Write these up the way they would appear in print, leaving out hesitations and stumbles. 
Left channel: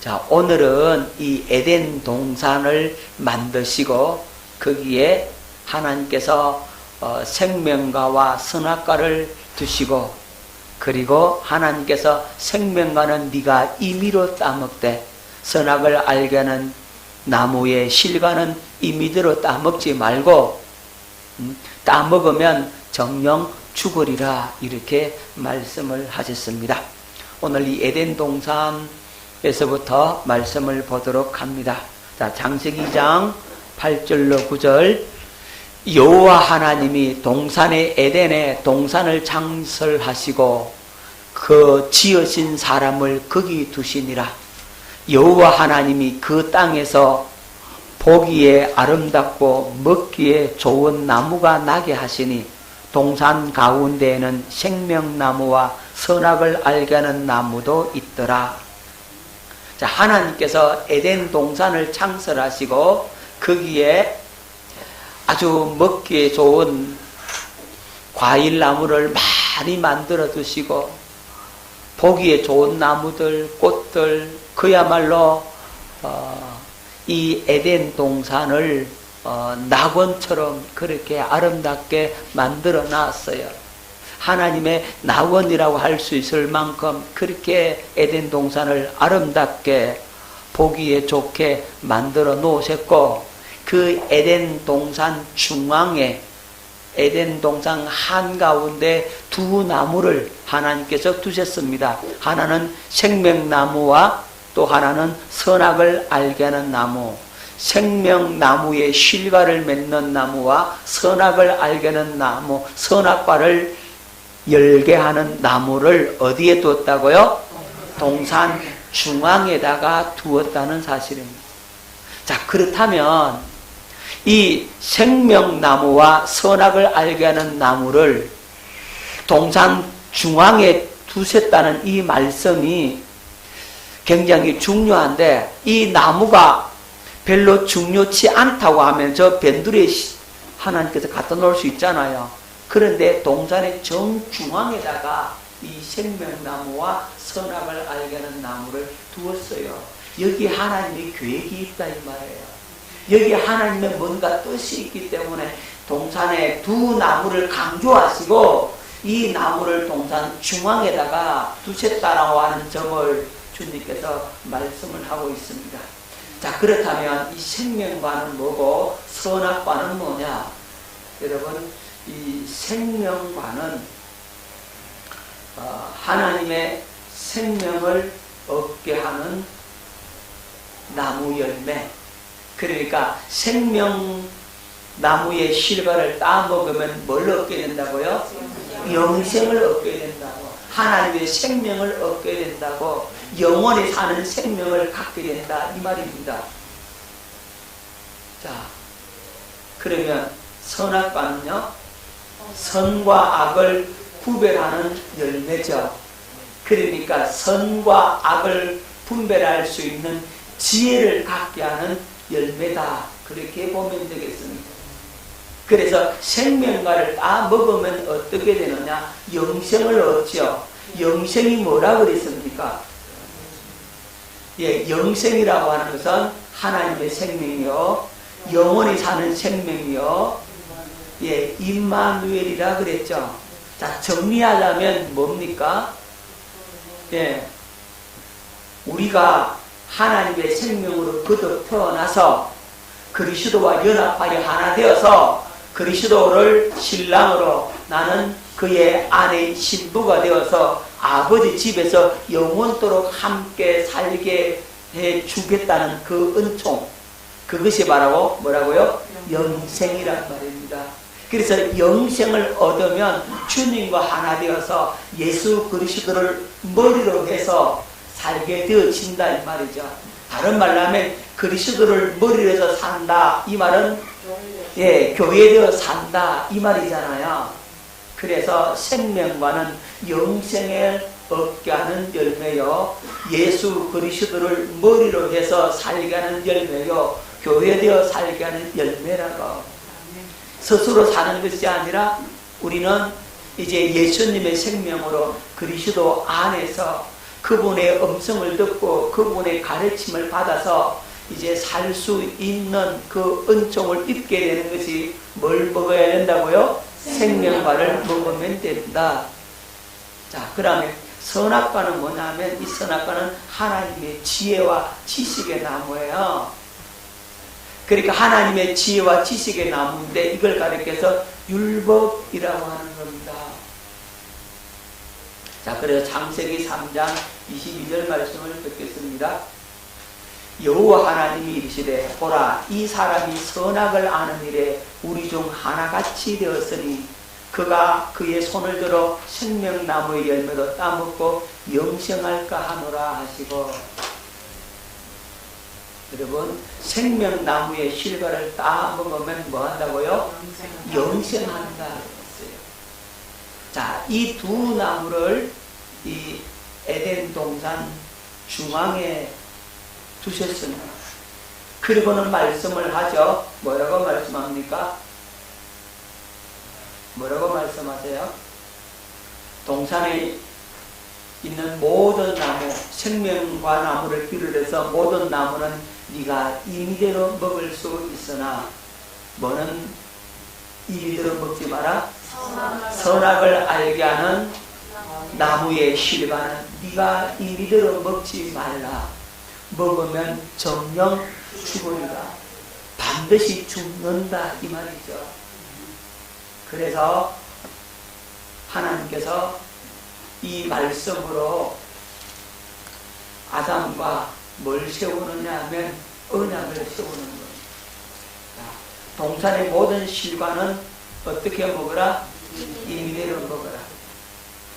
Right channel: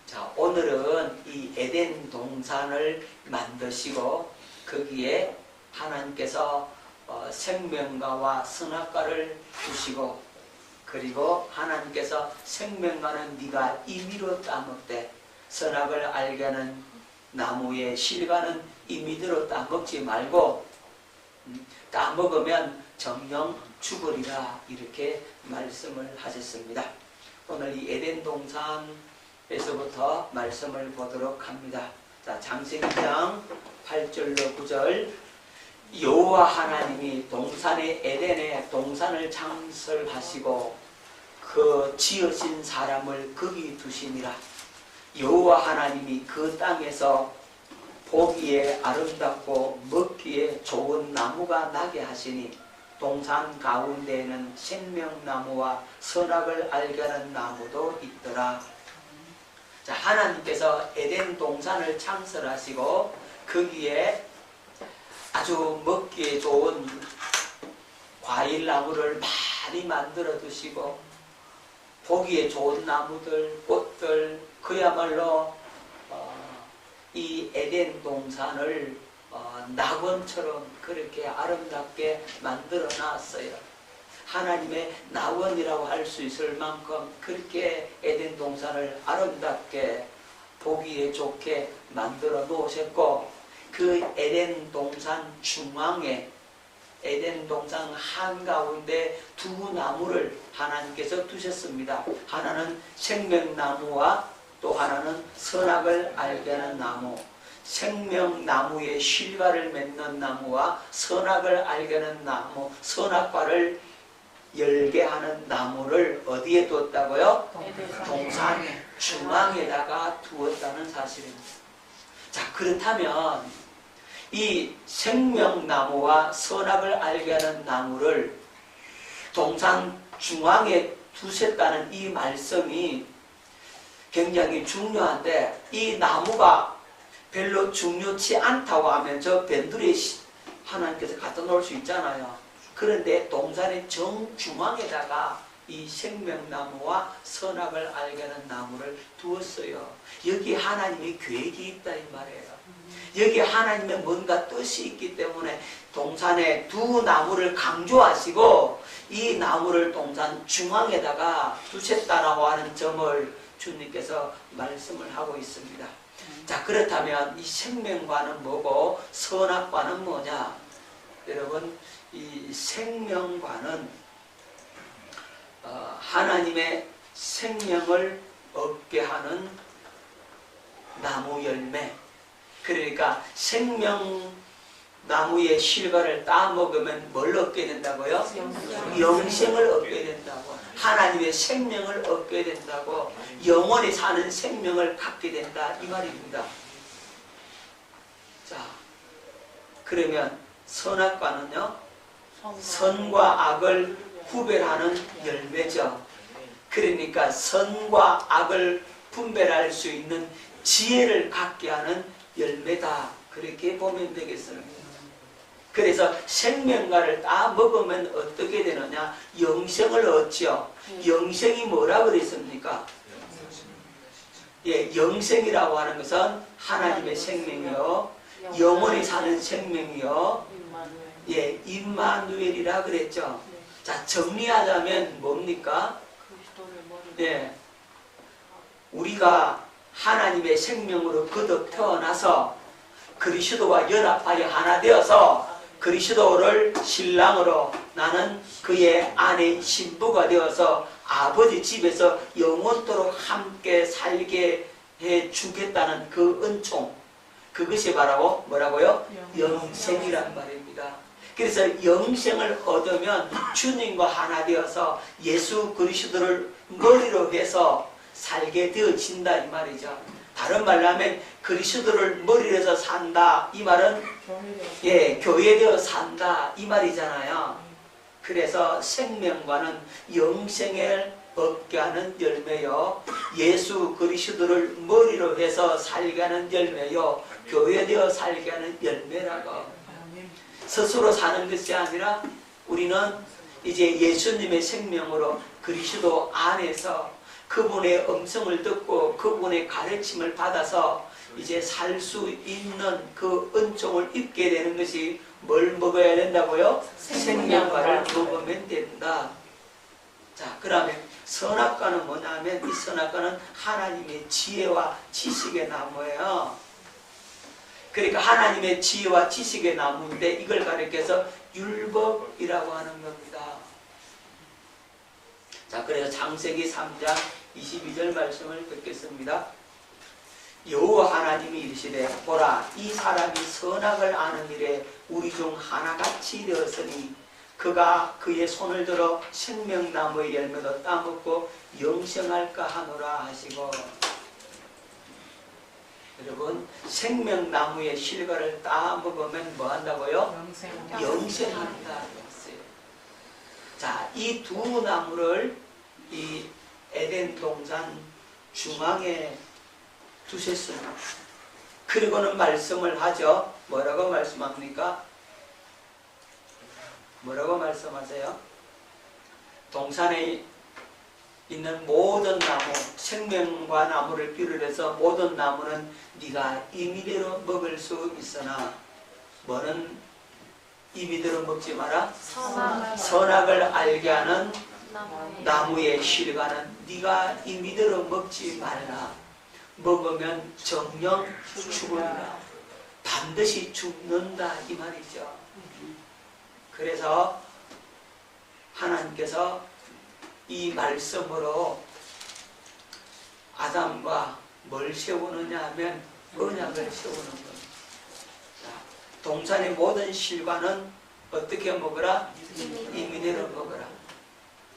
자, 오늘은 이 에덴 동산을 만드시고 거기에 하나님께서 생명과와 선악과를 주시고, 그리고 하나님께서 생명과는 네가 임의로 따먹되 선악을 알게 하는 나무의 실과는 임의대로 따먹지 말고 따먹으면 정령 죽으리라, 이렇게 말씀을 하셨습니다. 오늘 이 에덴 동산에서부터 말씀을 보도록 합니다. 자, 창세기 2장 8절로 9절. 여호와 하나님이 동산의 에덴에 동산을 창설하시고 그 지으신 사람을 거기 두시니라. 여호와 하나님이 그 땅에서 보기에 아름답고 먹기에 좋은 나무가 나게 하시니 동산 가운데에는 생명나무와 선악을 알게 하는 나무도 있더라. 자, 하나님께서 에덴 동산을 창설하시고 거기에 아주 먹기에 좋은 과일나무를 많이 만들어 두시고 보기에 좋은 나무들, 꽃들, 그야말로 이 에덴 동산을 낙원처럼 그렇게 아름답게 만들어 놨어요. 하나님의 낙원이라고 할 수 있을 만큼 그렇게 에덴 동산을 아름답게 보기에 좋게 만들어 놓으셨고, 그 에덴 동산 중앙에, 에덴 동산 한가운데 두 나무를 하나님께서 두셨습니다. 하나는 생명나무와 또 하나는 선악을 알게 하는 나무. 생명나무의 실과를 맺는 나무와 선악을 알게 하는 나무, 선악과를 열게 하는 나무를 어디에 두었다고요? 동산 중앙에다가 두었다는 사실입니다. 자, 그렇다면 이 생명나무와 선악을 알게 하는 나무를 동산 중앙에 두셨다는 이 말씀이 굉장히 중요한데, 이 나무가 별로 중요치 않다고 하면 저 밴드리에 하나님께서 갖다 놓을 수 있잖아요. 그런데 동산의 정중앙에다가 이 생명나무와 선악을 알게 하는 나무를 두었어요. 여기 하나님의 계획이 있다 이 말이에요. 여기 하나님의 뭔가 뜻이 있기 때문에 동산에 두 나무를 강조하시고 이 나무를 동산 중앙에다가 두셨다고 하는 점을 주님께서 말씀을 하고 있습니다. 자, 그렇다면 이 생명과는 뭐고 선악과는 뭐냐? 여러분, 이 생명과는 하나님의 생명을 얻게 하는 나무 열매, 그러니까 생명나무의 실과를 따먹으면 뭘 얻게 된다고요? 영생을 얻게 된다고. 하나님의 생명을 얻게 된다고. 영원히 사는 생명을 갖게 된다 이 말입니다. 자, 그러면 선악과는요, 선과 악을 구별하는 열매죠. 그러니까 선과 악을 분별할 수 있는 지혜를 갖게 하는 열매다, 그렇게 보면 되겠습니다. 그래서 생명과를 다 먹으면 어떻게 되느냐? 영생을 얻죠. 영생이 뭐라고 그랬습니까? 예, 영생이라고 하는 것은 하나님의 생명이요, 영원히 사는 생명이요, 예, 임마누엘이라 그랬죠. 자, 정리하려면 뭡니까? 예, 우리가 하나님의 생명으로 거듭 태어나서 그리스도와 연합하여 하나 되어서 그리스도를 신랑으로, 나는 그의 아내인 신부가 되어서 아버지 집에서 영원토록 함께 살게 해주겠다는 그 은총, 그것이 바로 뭐라고요? 영생이라는 말입니다. 그래서 영생을 얻으면 주님과 하나 되어서 예수 그리스도를 머리로 해서 살게 되어진다 이 말이죠. 다른 말로 하면 그리스도를 머리로 해서 산다 이 말은, 예, 교회에서 산다 이 말이잖아요. 그래서 생명과는 영생을 얻게 하는 열매요, 예수 그리스도를 머리로 해서 살게 하는 열매요, 교회되어 살게 하는 열매라고. 스스로 사는 것이 아니라 우리는 이제 예수님의 생명으로 그리스도 안에서 그분의 음성을 듣고 그분의 가르침을 받아서 이제 살 수 있는 그 은총을 입게 되는 것이 뭘 먹어야 된다고요? 생명과를 먹으면 된다. 자, 그다음에 선악과는 뭐냐면 이 선악과는 하나님의 지혜와 지식의 나무예요. 그러니까 하나님의 지혜와 지식의 나무인데 이걸 가리켜서 율법이라고 하는 겁니다. 자, 그래서 창세기 3장 22절 말씀을 듣겠습니다. 여호와 하나님이 이르시되 보라 이 사람이 선악을 아는 일에 우리 중 하나같이 되었으니 그가 그의 손을 들어 생명나무의 열매로 따먹고 영생할까 하노라 하시고, 여러분 생명나무의 실과를 따먹으면 뭐 한다고요? 영생한다 했어요. 자, 이 두 나무를 이 에덴 동산 중앙에 두셨습니다. 그러면 말씀을 하죠. 뭐라고 말씀합니까? 뭐라고 말씀하세요? 동산에 있는 모든 나무, 생명과 나무를 비롯해서 모든 나무는 네가 임의대로 먹을 수 있으나 뭐는 임의대로 먹지 마라. 선악을 알게 하는 나무의 실과는 네가 임의대로 먹지 말라. 먹으면 정령 죽으리라. 반드시 죽는다 이 말이죠. 그래서 하나님께서 이 말씀으로 아담과 뭘 세우느냐 하면 언약을 세우는 겁니다. 동산의 모든 실과는 어떻게 먹으라? 임의대로 먹으라.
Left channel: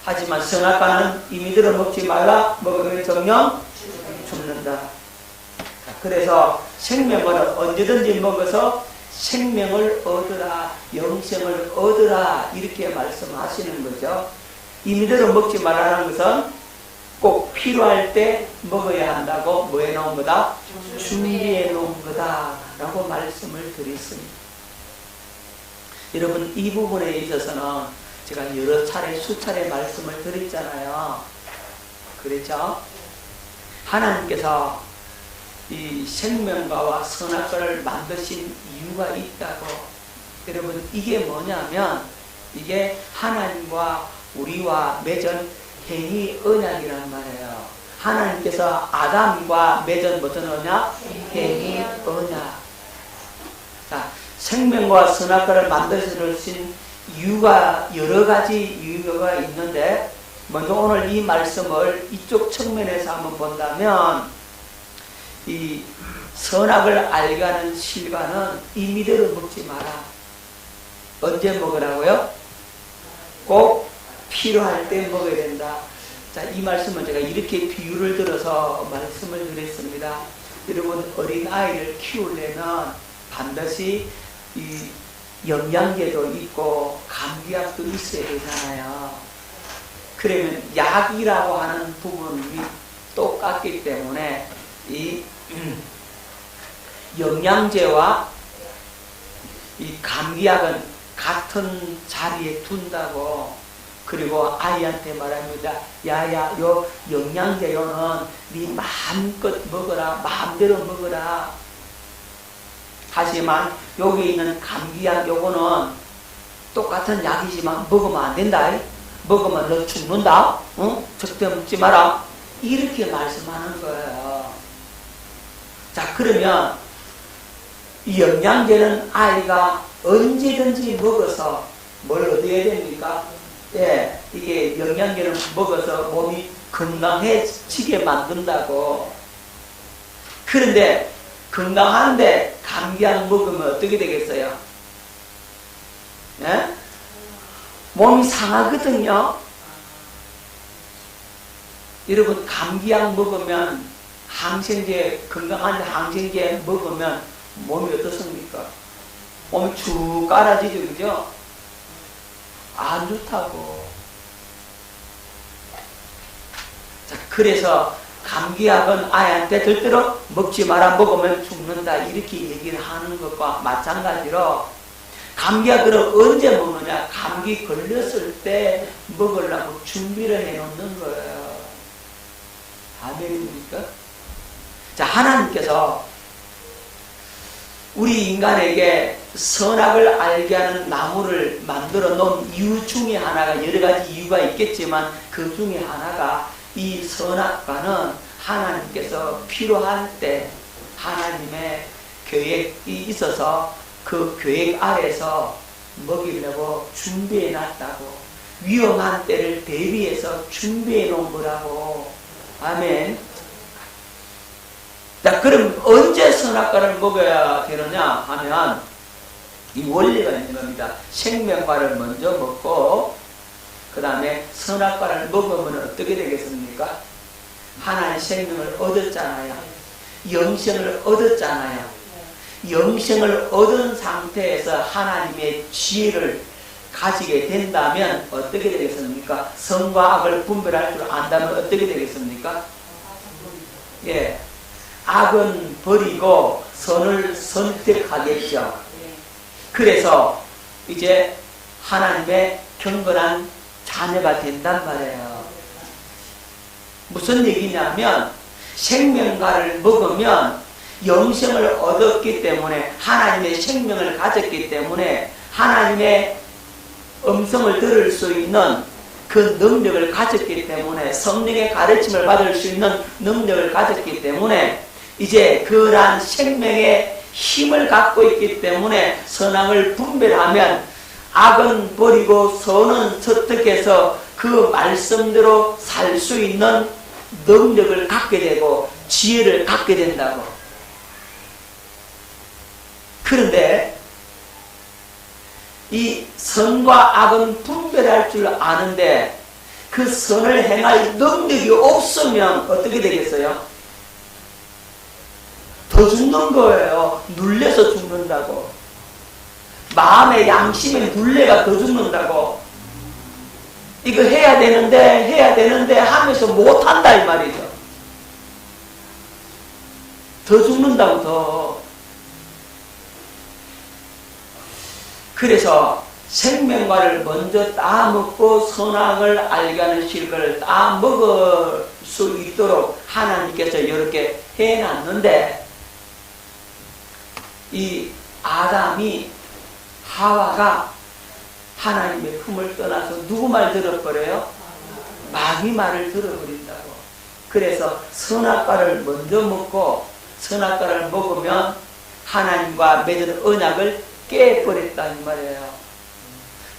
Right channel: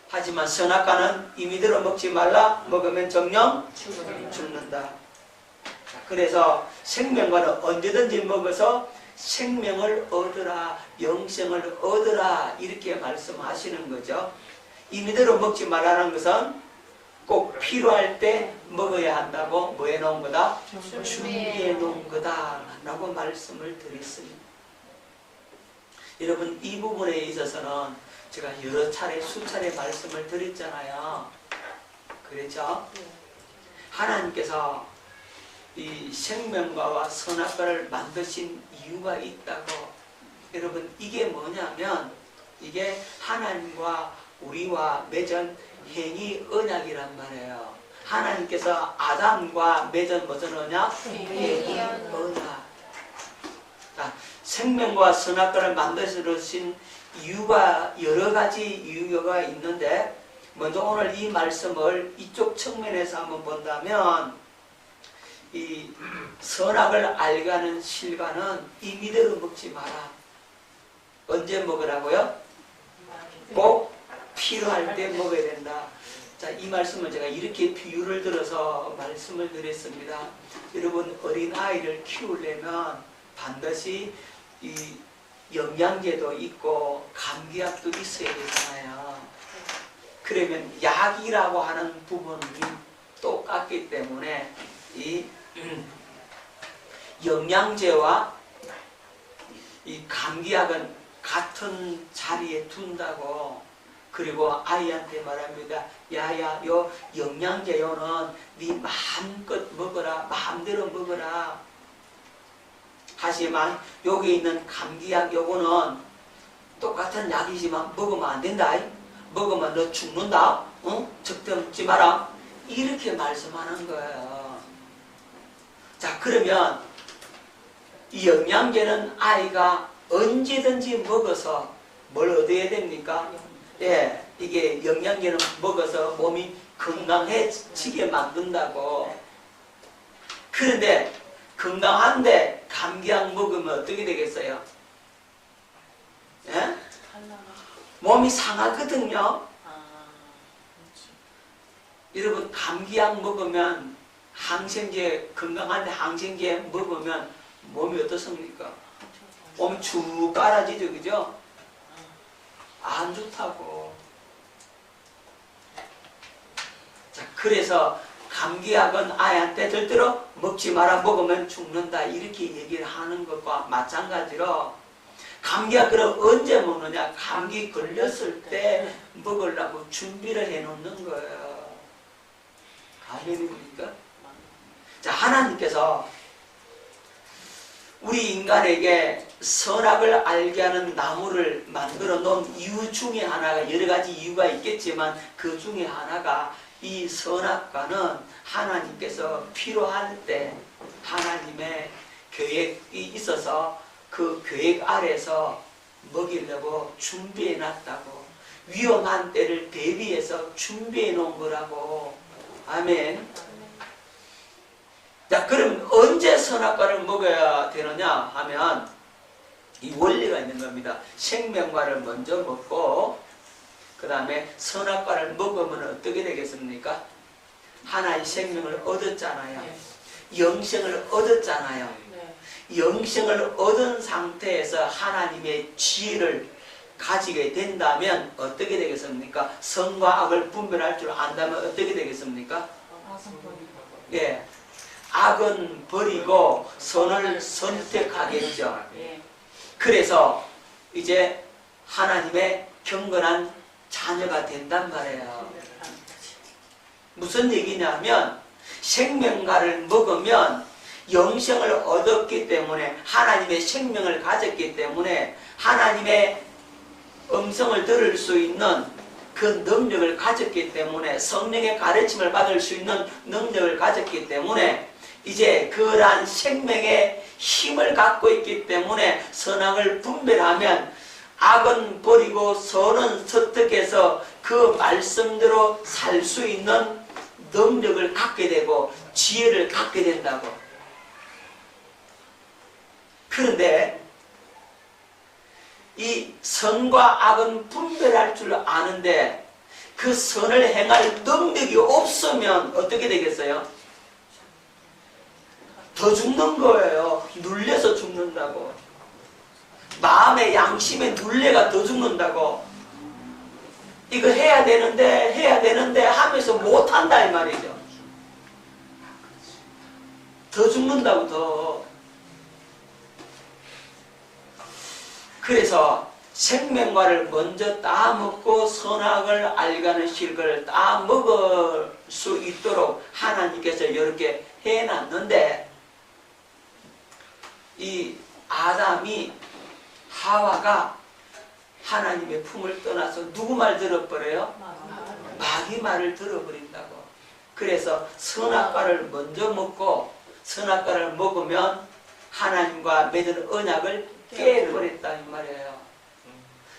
하지만 선악과는 임의대로 먹지 말라. 먹으면 정령 죽는다. 그래서 생명을 언제든지 먹어서 생명을 얻으라, 영생을 얻으라 이렇게 말씀하시는 거죠. 임의대로 먹지 말라는 것은 꼭 필요할 때 먹어야 한다고 뭐해 놓은 거다? 준비해 놓은 거다 라고 말씀을 드렸습니다. 여러분 이 부분에 있어서는 제가 여러 차례 수차례 말씀을 드렸잖아요. 그렇죠? 하나님께서 이 생명과와 선악과를 만드신 이유가 있다고. 여러분 이게 뭐냐면 이게 하나님과 우리와 맺은 행위 언약이란 말이에요. 하나님께서 아담과 맺은 무슨 언약? 행위 언약. 자, 생명과 선악과를 만드신 이유가 여러 가지 이유가 있는데 먼저 오늘 이 말씀을 이쪽 측면에서 한번 본다면 이 선악을 알게 하는 실과는 임의대로 먹지 마라. 언제 먹으라고요? 꼭 필요할 때 먹어야 된다. 자, 이 말씀을 제가 이렇게 비유를 들어서 말씀을 드렸습니다. 여러분 어린 아이를 키우려면 반드시 이 영양제도 있고 감기약도 있어야 되잖아요. 그러면 약이라고 하는 부분이 똑같기 때문에 이 영양제와 이 감기약은 같은 자리에 둔다고. 그리고 아이한테 말합니다. 야야, 요 영양제로는 네 마음껏 먹어라, 마음대로 먹어라. 하지만 여기 있는 감기약 요거는 똑같은 약이지만 먹으면 안 된다. 먹으면 너 죽는다. 응? 절대 먹지 마라. 이렇게 말씀하는 거예요. 자, 그러면 이 영양제는 아이가 언제든지 먹어서 뭘 얻어야 됩니까? 예, 이게 영양제는 먹어서 몸이 건강해지게 만든다고. 그런데 건강한데 감기약 먹으면 어떻게 되겠어요? 예? 몸이 상하거든요. 여러분 감기약 먹으면 항생제, 건강한 항생제 먹으면 몸이 어떻습니까? 몸이 쭉 깔아지죠. 안 좋다고. 자, 그래서 감기약은 아이한테 절대로 먹지 마라, 먹으면 죽는다 이렇게 얘기를 하는 것과 마찬가지로 감기약을 언제 먹느냐? 감기 걸렸을 때 먹으려고 준비를 해놓는 거예요. 아멘입니까? 자, 하나님께서 우리 인간에게 선악을 알게 하는 나무를 만들어 놓은 이유 중에 하나가, 여러 가지 이유가 있겠지만 그 중에 하나가 이 선악과는 하나님께서 필요한 때 하나님의 계획이 있어서 그 계획 아래서 먹이려고 준비해 놨다고, 위험한 때를 대비해서 준비해 놓은 거라고. 아멘. 자, 그럼 언제 선악과를 먹어야 되느냐 하면 이 원리가 있는 겁니다. 생명과를 먼저 먹고 그 다음에 선악과를 먹으면 어떻게 되겠습니까? 하나의 생명을 얻었잖아요. 영생을 얻었잖아요. 영생을 얻은 상태에서 하나님의 지혜를 가지게 된다면 어떻게 되겠습니까? 선과 악을 분별할 줄 안다면 어떻게 되겠습니까? 예, 악은 버리고 선을 선택하겠죠. 그래서 이제 하나님의 경건한 자녀가 된단 말이에요. 무슨 얘기냐면 생명과를 먹으면 영생을 얻었기 때문에, 하나님의 생명을 가졌기 때문에 하나님의 음성을 들을 수 있는 그 능력을 가졌기 때문에, 성령의 가르침을 받을 수 있는 능력을 가졌기 때문에 이제 그러한 생명의 힘을 갖고 있기 때문에 선악을 분별하면 악은 버리고 선은 선택해서 그 말씀대로 살 수 있는 능력을 갖게 되고 지혜를 갖게 된다고. 그런데 이 선과 악은 분별할 줄 아는데 그 선을 행할 능력이 없으면 어떻게 되겠어요? 더 죽는 거예요. 눌려서 죽는다고. 마음의 양심의 눌레가 더 죽는다고. 이거 해야 되는데 하면서 못한다 이 말이죠. 더 죽는다고 더. 그래서 생명과를 먼저 다 먹고 선악을 알게 하는 실을 다 먹을 수 있도록 하나님께서 이렇게 해놨는데, 이 아담이 하와가 하나님의 품을 떠나서 누구 말 들어버려요? 마귀 말을 들어버린다고. 그래서 선악과를 먼저 먹고 선악과를 먹으면 하나님과 맺은 언약을 깨버렸다는 말이에요.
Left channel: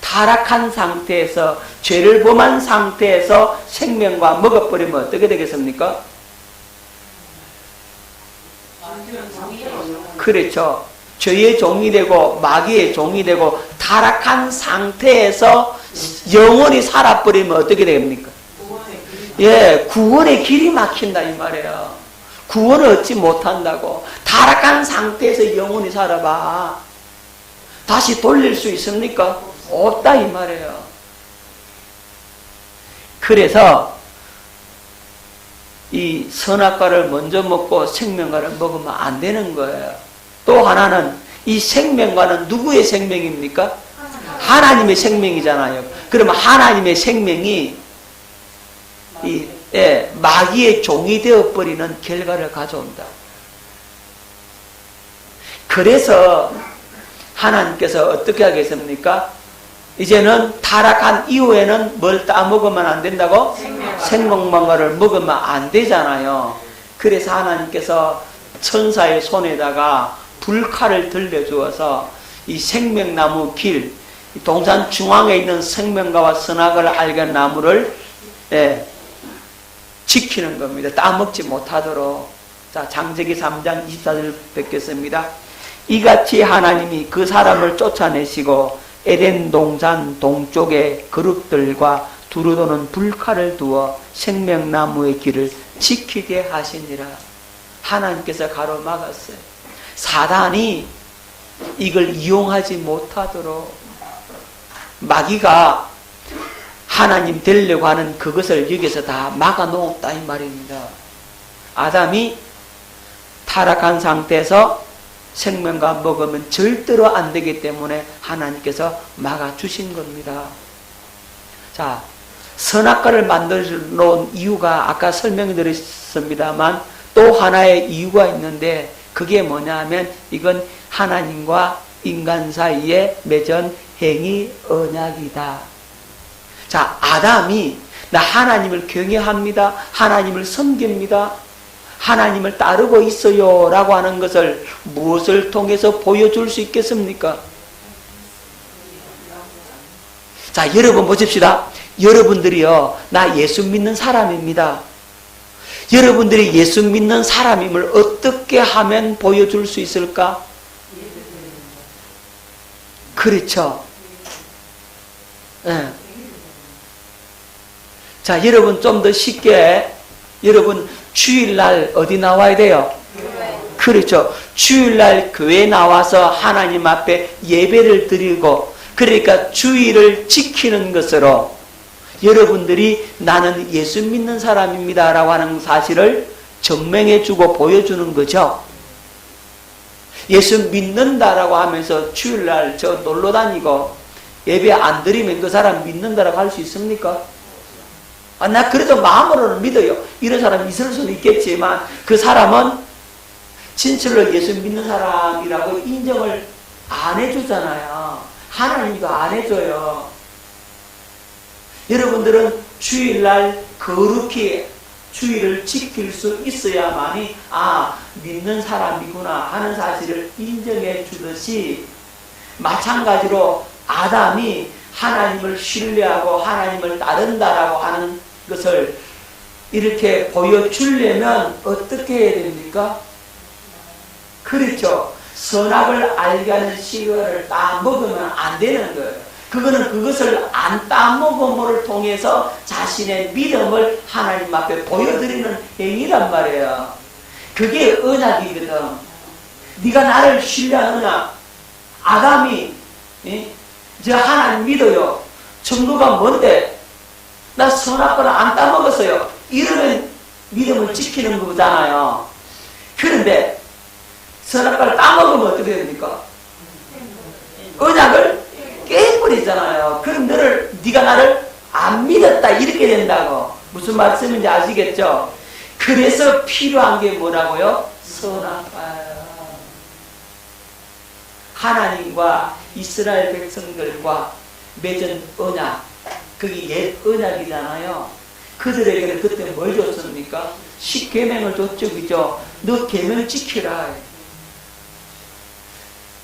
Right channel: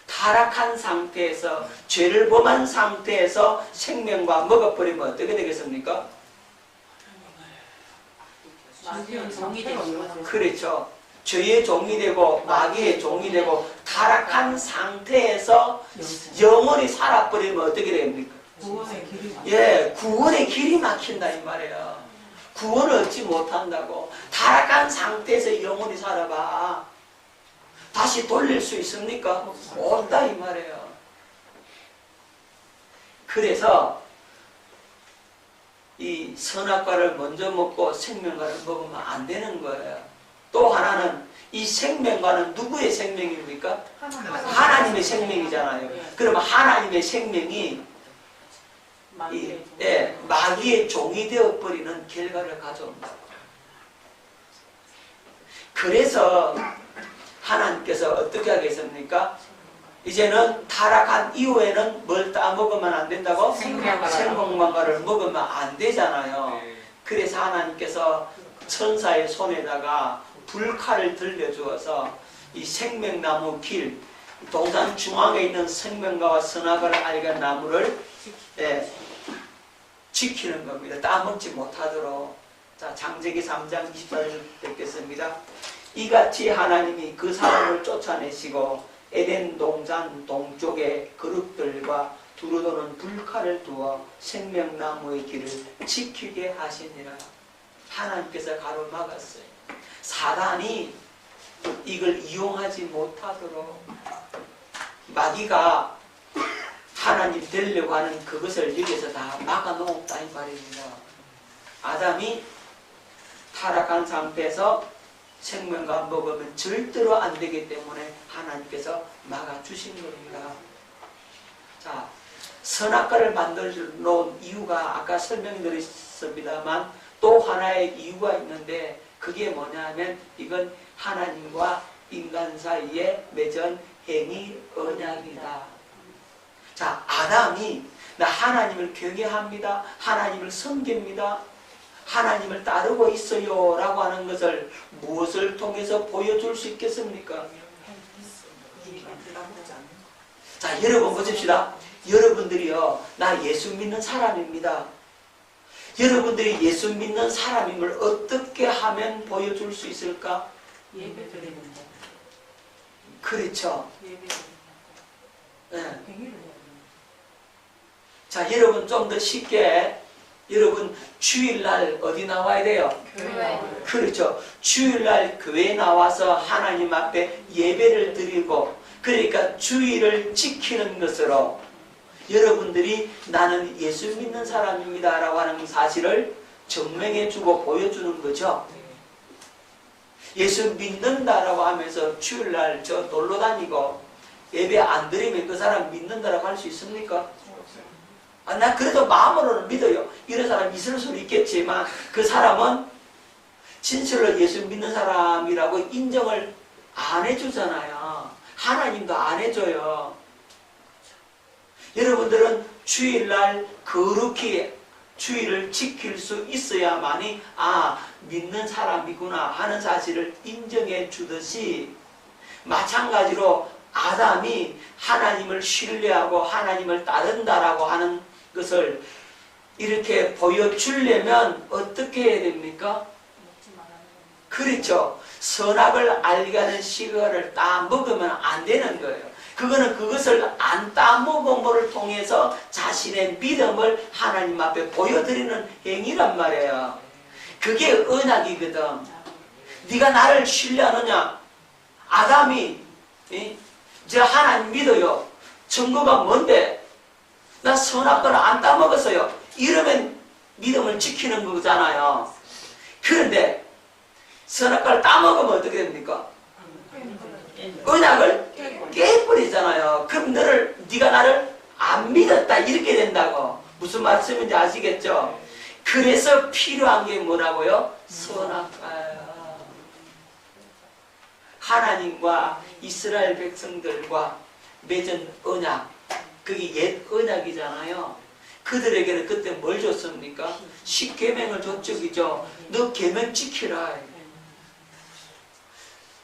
타락한 상태에서, 죄를 범한 상태에서 생명과 먹어버리면 어떻게 되겠습니까? 그렇죠. 죄의 종이 되고 마귀의 종이 되고 타락한 상태에서 영원히 살아버리면 어떻게 됩니까? 예, 구원의 길이 막힌다 이 말이에요. 구원을 얻지 못한다고. 타락한 상태에서 영원히 살아봐. 다시 돌릴 수 있습니까? 없다 이 말이에요. 그래서 이 선악과를 먼저 먹고 생명과를 먹으면 안 되는 거예요. 또 하나는 이 생명과는 누구의 생명입니까? 하나님의 생명이잖아요. 그러면 하나님의 생명이 마귀의 종이 되어버리는 결과를 가져온다. 그래서 하나님께서 어떻게 하겠습니까? 이제는 타락한 이후에는 뭘 따먹으면 안 된다고? 생명만과를 먹으면 안 되잖아요. 그래서 하나님께서 천사의 손에다가 불칼을 들려주어서 이 생명나무 길, 동산 중앙에 있는 생명과와 선악을 알게 하는 나무를 지키는 겁니다. 따먹지 못하도록. 자, 창세기 3장 24절 뵙겠습니다. 이같이 하나님이 그 사람을 쫓아내시고 에덴 동산 동쪽에 그룹들과 두루도는 불칼을 두어 생명나무의 길을 지키게 하시니라. 하나님께서 가로막았어요. 사단이 이걸 이용하지 못하도록 마귀가 하나님 되려고 하는 그것을 여기서 다 막아놓았다 이 말입니다. 아담이 타락한 상태에서 생명과 먹으면 절대로 안 되기 때문에 하나님께서 막아주신 겁니다. 자, 선악과를 만들어 놓은 이유가 아까 설명드렸습니다. 있습니다만 또 하나의 이유가 있는데 그게 뭐냐면 이건 하나님과 인간 사이에 맺은 행위 언약이다. 자, 아담이 나 하나님을 경외합니다. 하나님을 섬깁니다. 하나님을 따르고 있어요 라고 하는 것을 무엇을 통해서 보여줄 수 있겠습니까? 자, 여러분 보십시다. 여러분들이요, 나 예수 믿는 사람입니다. 여러분들이 예수 믿는 사람임을 어떻게 하면 보여줄 수 있을까? 그렇죠. 네. 자, 여러분 좀 더 쉽게, 여러분 주일날 어디 나와야 돼요? 그렇죠. 주일날 교회 나와서 하나님 앞에 예배를 드리고, 그러니까 주일을 지키는 것으로 여러분들이 나는 예수 믿는 사람입니다 라고 하는 사실을 증명해주고 보여주는 거죠. 예수 믿는다라고 하면서 주일날 저 놀러 다니고 예배 안 드리면 그 사람 믿는다라고 할 수 있습니까? 아, 나 그래도 마음으로는 믿어요. 이런 사람이 있을 수도 있겠지만 그 사람은 진실로 예수 믿는 사람이라고 인정을 안 해주잖아요. 하나님도 안 해줘요. 여러분들은 주일날 거룩히 주일을 지킬 수 있어야만이 믿는 사람이구나 하는 사실을 인정해 주듯이 마찬가지로 아담이 하나님을 신뢰하고 하나님을 따른다라고 하는 것을 이렇게 보여주려면 어떻게 해야 됩니까? 그렇죠. 선악을 알게 하는 식을 따먹으면 안 되는 거예요. 그거는 그것을 안 따먹음을 통해서 자신의 믿음을 하나님 앞에 보여드리는 행위란 말이에요. 그게 언약이거든. 네가 나를 신뢰하느냐? 아담이 저 하나님 믿어요. 증거가 뭔데? 나 선악을 안 따먹었어요. 이러면 믿음을 지키는 거잖아요. 그런데 선악을 따먹으면 어떻게 됩니까? 언약을 깨버리잖아요. 그럼 네가 나를 안 믿었다 이렇게 된다고. 무슨 말씀인지 아시겠죠? 그래서 필요한 게 뭐라고요? 선악과예요. 하나님과 이스라엘 백성들과 맺은 언약, 그게 옛 언약이잖아요. 그들에게 그때 뭘 줬습니까? 10계명을 줬죠. 그죠? 너 계명 지키라.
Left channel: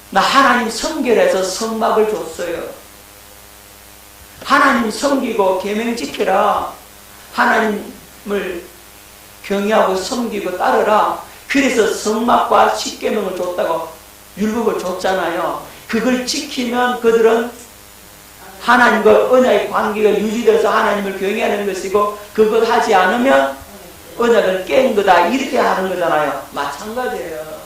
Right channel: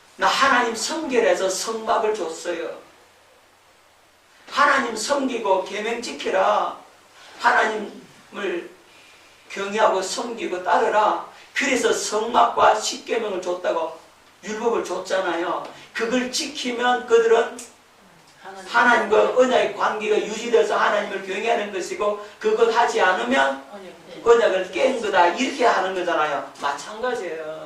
나 하나님 섬기라해서 성막을 줬어요. 하나님 섬기고 계명 지키라. 하나님을 경외하고 섬기고 따르라. 그래서 성막과 10계명을 줬다고 율법을 줬잖아요. 그걸 지키면 그들은 하나님과 언약의 관계가 유지돼서 하나님을 경외하는 것이고, 그걸 하지 않으면 언약을 깬 거다 이렇게 하는 거잖아요. 마찬가지예요.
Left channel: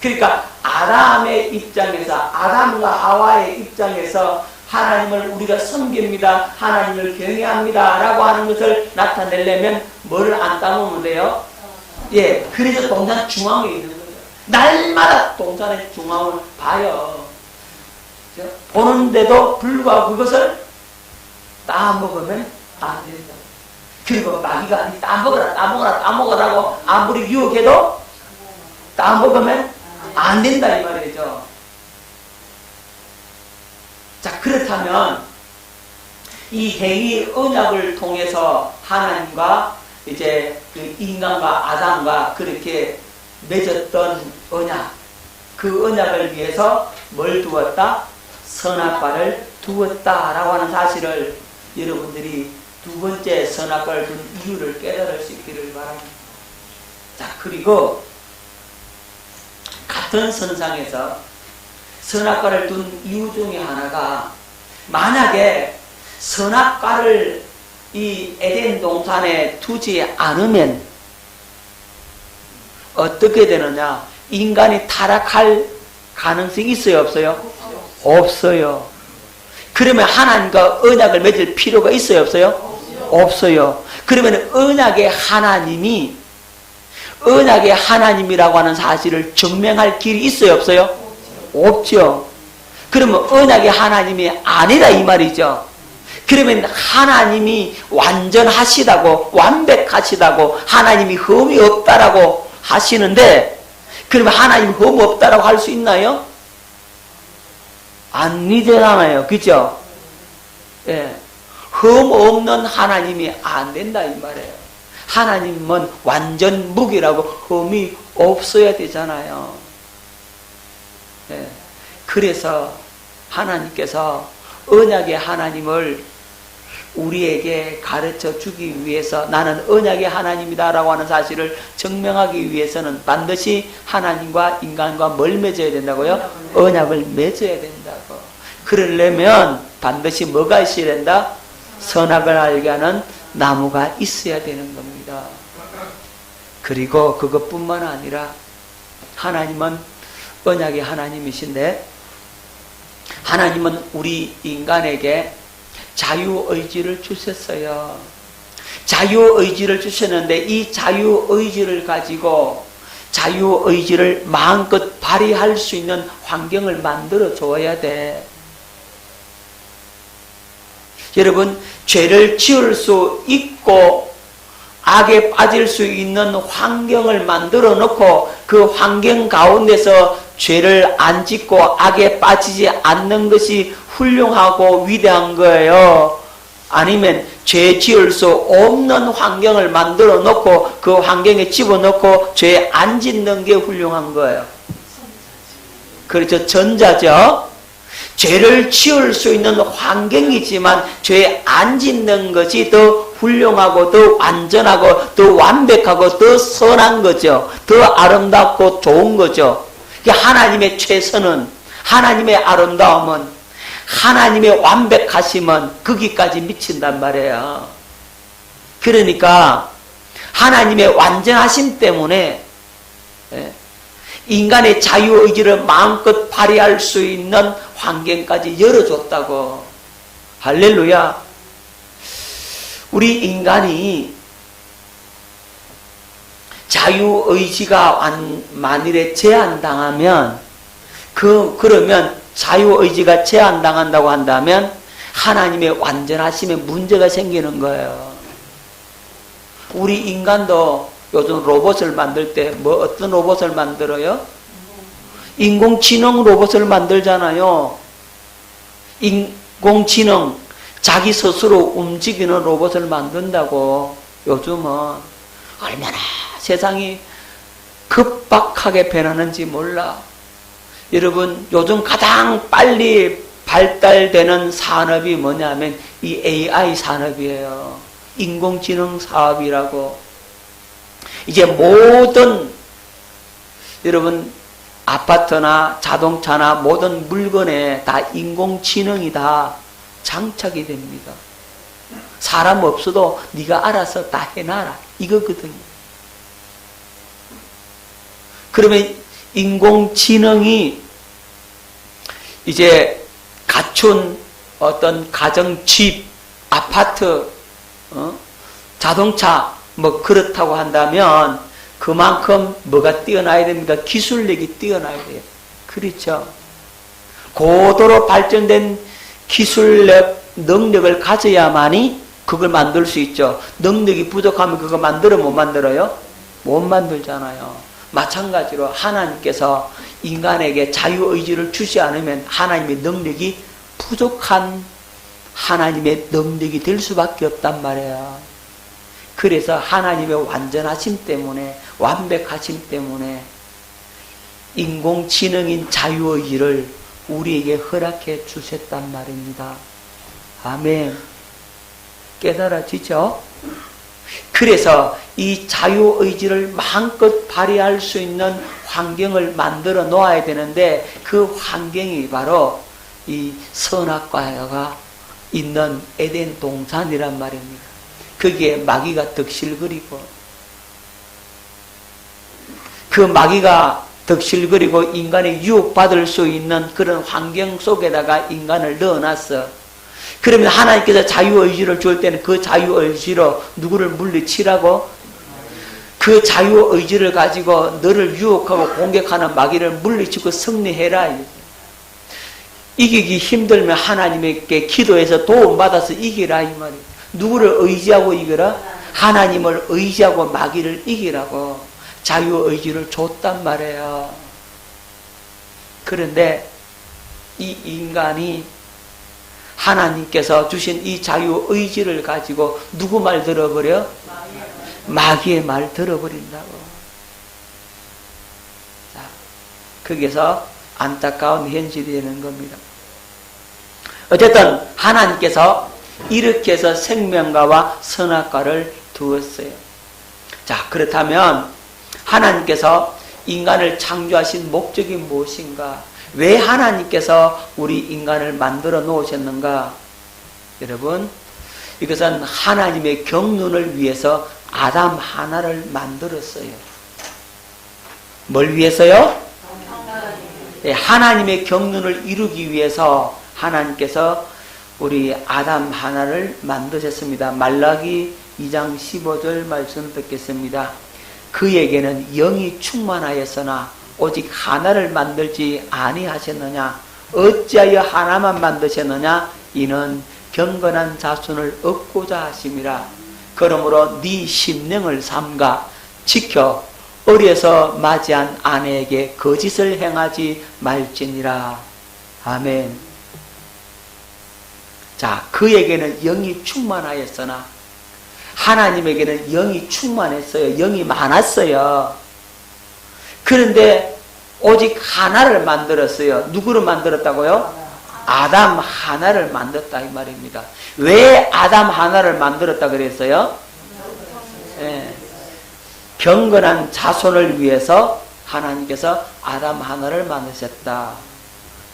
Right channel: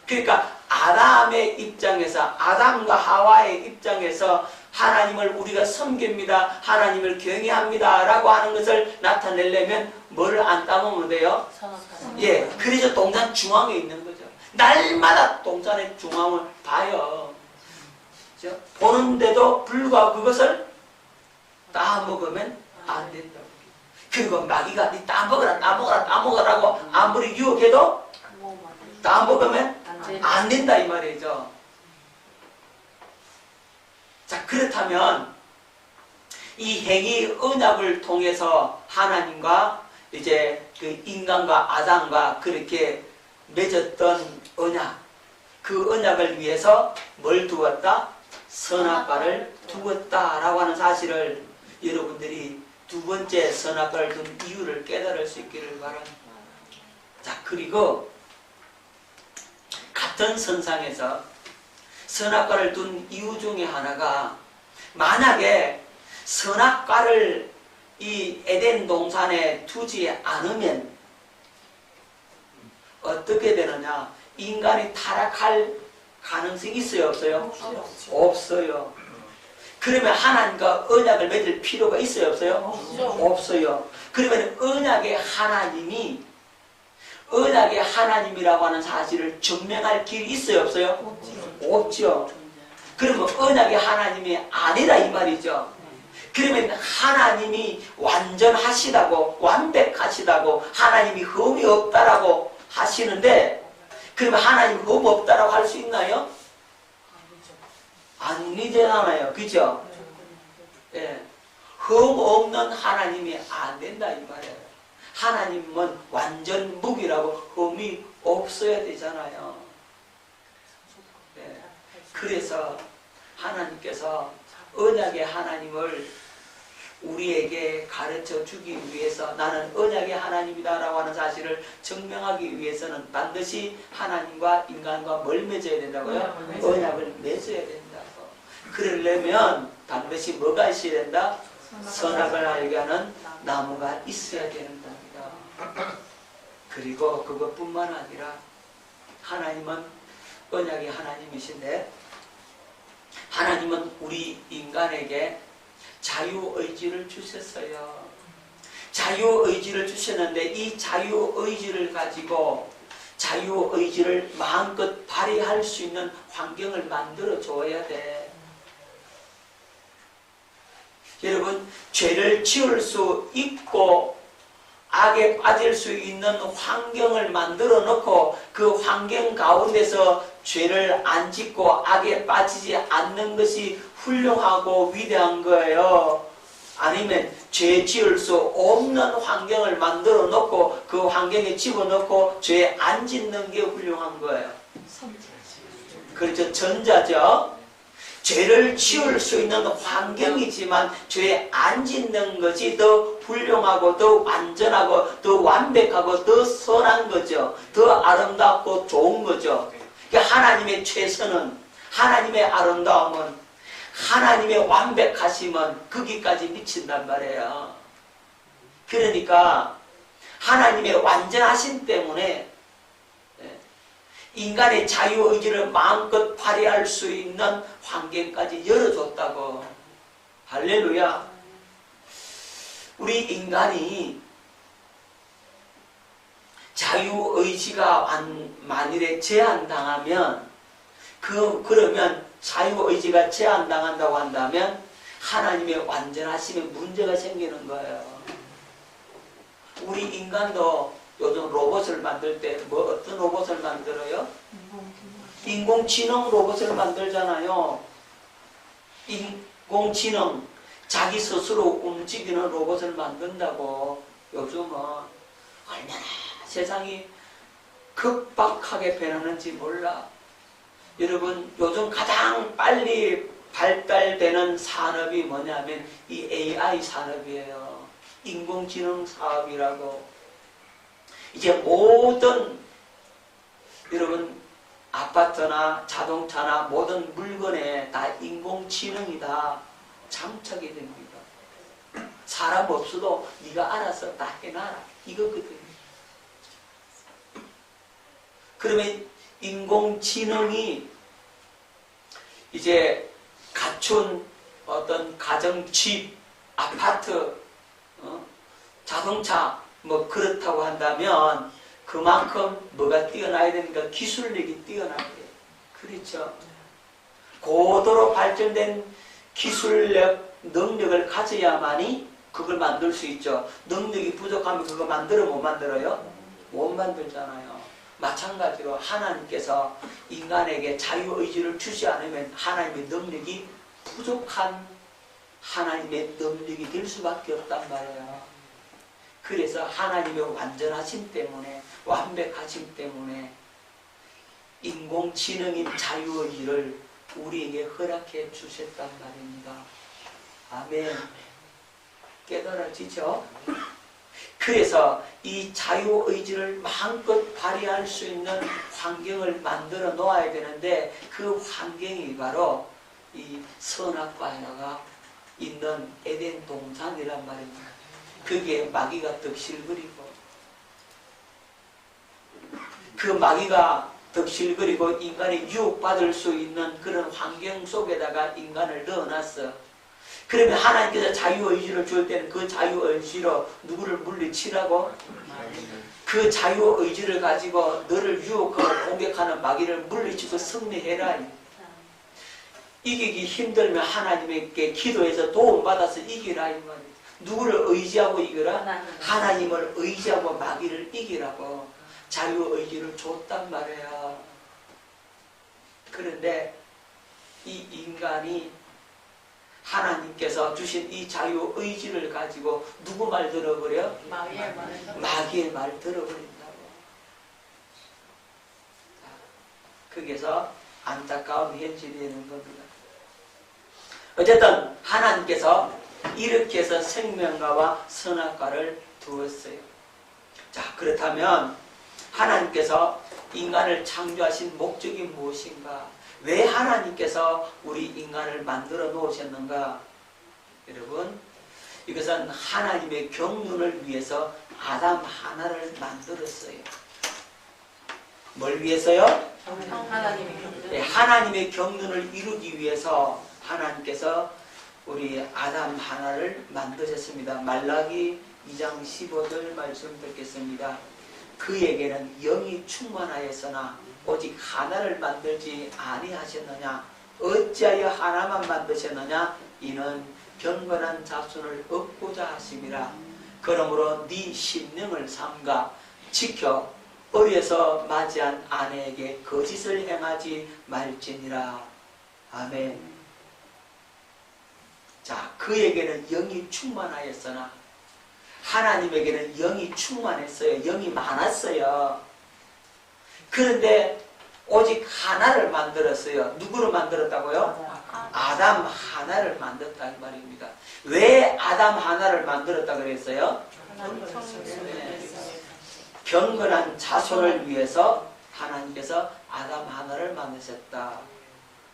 그러니까 아담의 입장에서, 아담과 하와의 입장에서 하나님을 우리가 섬깁니다, 하나님을 경외합니다 라고 하는 것을 나타내려면 뭘 안 따먹으면 돼요? 예, 그래서 동산 중앙에 있는 거죠. 날마다 동산의 중앙을 봐요. 보는데도 불구하고 그것을 따먹으면 안 된다. 그리고 마귀가 따먹어라고 아무리 유혹해도 따먹으면 안 된다 이 말이죠. 자, 그렇다면 이 행위 언약을 통해서 하나님과 이제 그 인간과 아담과 그렇게 맺었던 언약, 그 언약을 위해서 뭘 두었다? 선악과를 두었다라고 하는 사실을 여러분들이 두 번째 선악과를 둔 이유를 깨달을 수 있기를 바랍니다. 자, 그리고 같은 선상에서 선악과를 둔 이유 중에 하나가, 만약에 선악과를 이 에덴 동산에 두지 않으면 어떻게 되느냐? 인간이 타락할 가능성이 있어요, 없어요? 없어요. 그러면 하나님과 언약을 맺을 필요가 있어요, 없어요? 없어요. 그러면 언약의 하나님이 언약의 하나님이라고 하는 사실을 증명할 길이 있어요, 없어요? 없죠. 그러면 언약의 하나님이 아니다 이 말이죠. 그러면 하나님이 완전하시다고, 완벽하시다고, 하나님이 흠이 없다라고 하시는데, 그러면 하나님 흠 없다라고 할 수 있나요? 아니잖아요. 그죠? 예. 흠 없는 하나님이 안 된다 이 말이에요. 하나님은 완전 무기라고 흠이 없어야 되잖아요. 예. 그래서 하나님께서 언약의 하나님을 우리에게 가르쳐 주기 위해서 나는 언약의 하나님이다 라고 하는 사실을 증명하기 위해서는 반드시 하나님과 인간과 뭘 맺어야 된다고요? 언약을 맺어야 된다고. 그러려면 반드시 뭐가 있어야 된다? 선악을 알게 하는 나무가 있어야 되는 겁니다. 그리고 그것뿐만 아니라 하나님은 언약의 하나님이신데, 하나님은 우리 인간에게 자유의지를 주셨어요. 자유의지를 주셨는데 이 자유의지를 가지고 자유의지를 마음껏 발휘할 수 있는 환경을 만들어 줘야 돼. 여러분, 죄를 지을 수 있고 악에 빠질 수 있는 환경을 만들어 놓고 그 환경 가운데서 죄를 안 짓고 악에 빠지지 않는 것이 훌륭하고 위대한 거예요. 아니면 죄 지을 수 없는 환경을 만들어 놓고 그 환경에 집어넣고 죄 안 짓는 게 훌륭한 거예요. 그렇죠. 전자죠. 죄를 지을 수 있는 환경이지만 죄 안 짓는 것이 더 훌륭하고 더 완전하고 더 완벽하고 더 선한 거죠. 더 아름답고 좋은 거죠. 하나님의 최선은, 하나님의 아름다움은, 하나님의 완벽하심은 거기까지 미친단 말이에요. 그러니까 하나님의 완전하심 때문에 인간의 자유의지를 마음껏 발휘할 수 있는 환경까지 열어줬다고. 할렐루야. 우리 인간이 자유의지가 만일에 제한당하면, 그러면 자유의지가 제한당한다고 한다면 하나님의 완전하심에 문제가 생기는 거예요. 우리 인간도 요즘 로봇을 만들 때 어떤 로봇을 만들어요? 인공지능 로봇을 만들잖아요. 인공지능, 자기 스스로 움직이는 로봇을 만든다고. 요즘은 얼마나 세상이 급박하게 변하는지 몰라. 여러분, 요즘 가장 빨리 발달되는 산업이 뭐냐면 이 AI 산업이에요. 인공지능 사업이라고. 이제 모든, 여러분, 아파트나 자동차나 모든 물건에 다 인공지능이 다 장착이 됩니다. 사람 없어도 네가 알아서 다 해놔라, 이거거든요. 그러면 인공지능이 이제 갖춘 어떤 가정집, 아파트, 자동차 뭐 그렇다고 한다면 그만큼 뭐가 뛰어나야 됩니까? 기술력이 뛰어나야 돼요. 그렇죠? 고도로 발전된 기술력, 능력을 가져야만이 그걸 만들 수 있죠. 능력이 부족하면 그거 만들어 못 만들어요? 못 만들잖아요. 마찬가지로 하나님께서 인간에게 자유의지를 주지 않으면 하나님의 능력이 부족한 하나님의 능력이 될 수밖에 없단 말이에요. 그래서 하나님의 완전하심 때문에, 완벽하심 때문에 인공지능인 자유의지를 우리에게 허락해 주셨단 말입니다. 아멘. 깨달아지죠? 그래서 이 자유의지를 마음껏 발휘할 수 있는 환경을 만들어 놓아야 되는데 그 환경이 바로 이 선악과가 있는 에덴 동산이란 말입니다. 거기에 마귀가 덕실거리고, 그 마귀가 덕실거리고 인간이 유혹받을 수 있는 그런 환경 속에다가 인간을 넣어놨어. 그러면 하나님께서 자유의지를 줄 때는 그 자유의지로 누구를 물리치라고? 그 자유의지를 가지고 너를 유혹하고 공격하는 마귀를 물리치고 승리해라. 이기기 힘들면 하나님께 기도해서 도움받아서 이기라 이 말이에요. 누구를 의지하고 이기라? 하나님을 의지하고 마귀를 이기라고 자유의지를 줬단 말이에요. 그런데 이 인간이 하나님께서 주신 이 자유의지를 가지고 누구 말 들어버려? 마귀의 말 들어버린다고. 자, 거기서 안타까운 현실이 되는 겁니다. 어쨌든 하나님께서 이렇게 해서 생명과와 선악과를 두었어요. 자, 그렇다면 하나님께서 인간을 창조하신 목적이 무엇인가? 왜 하나님께서 우리 인간을 만들어 놓으셨는가? 여러분, 이것은 하나님의 경륜을 위해서 아담 하나를 만들었어요. 뭘 위해서요? 네, 하나님의 경륜을 이루기 위해서 하나님께서 우리 아담 하나를 만드셨습니다. 말라기 2장 15절 말씀을 뵙겠습니다. 그에게는 영이 충만하였으나 오직 하나를 만들지 아니하셨느냐? 어찌하여 하나만 만드셨느냐? 이는 경건한 자손을 얻고자 하심이라. 그러므로 네 심령을 삼가 지켜 어려서 맞이한 아내에게 거짓을 행하지 말지니라. 아멘. 자, 그에게는 영이 충만하였으나 하나님에게는 영이 충만했어요. 영이 많았어요. 그런데 오직 하나를 만들었어요. 누구를 만들었다고요? 아담 하나를 만들었다 이 말입니다. 왜 아담 하나를 만들었다 그랬어요? 네. 경건한 자손을 위해서 하나님께서 아담 하나를 만드셨다.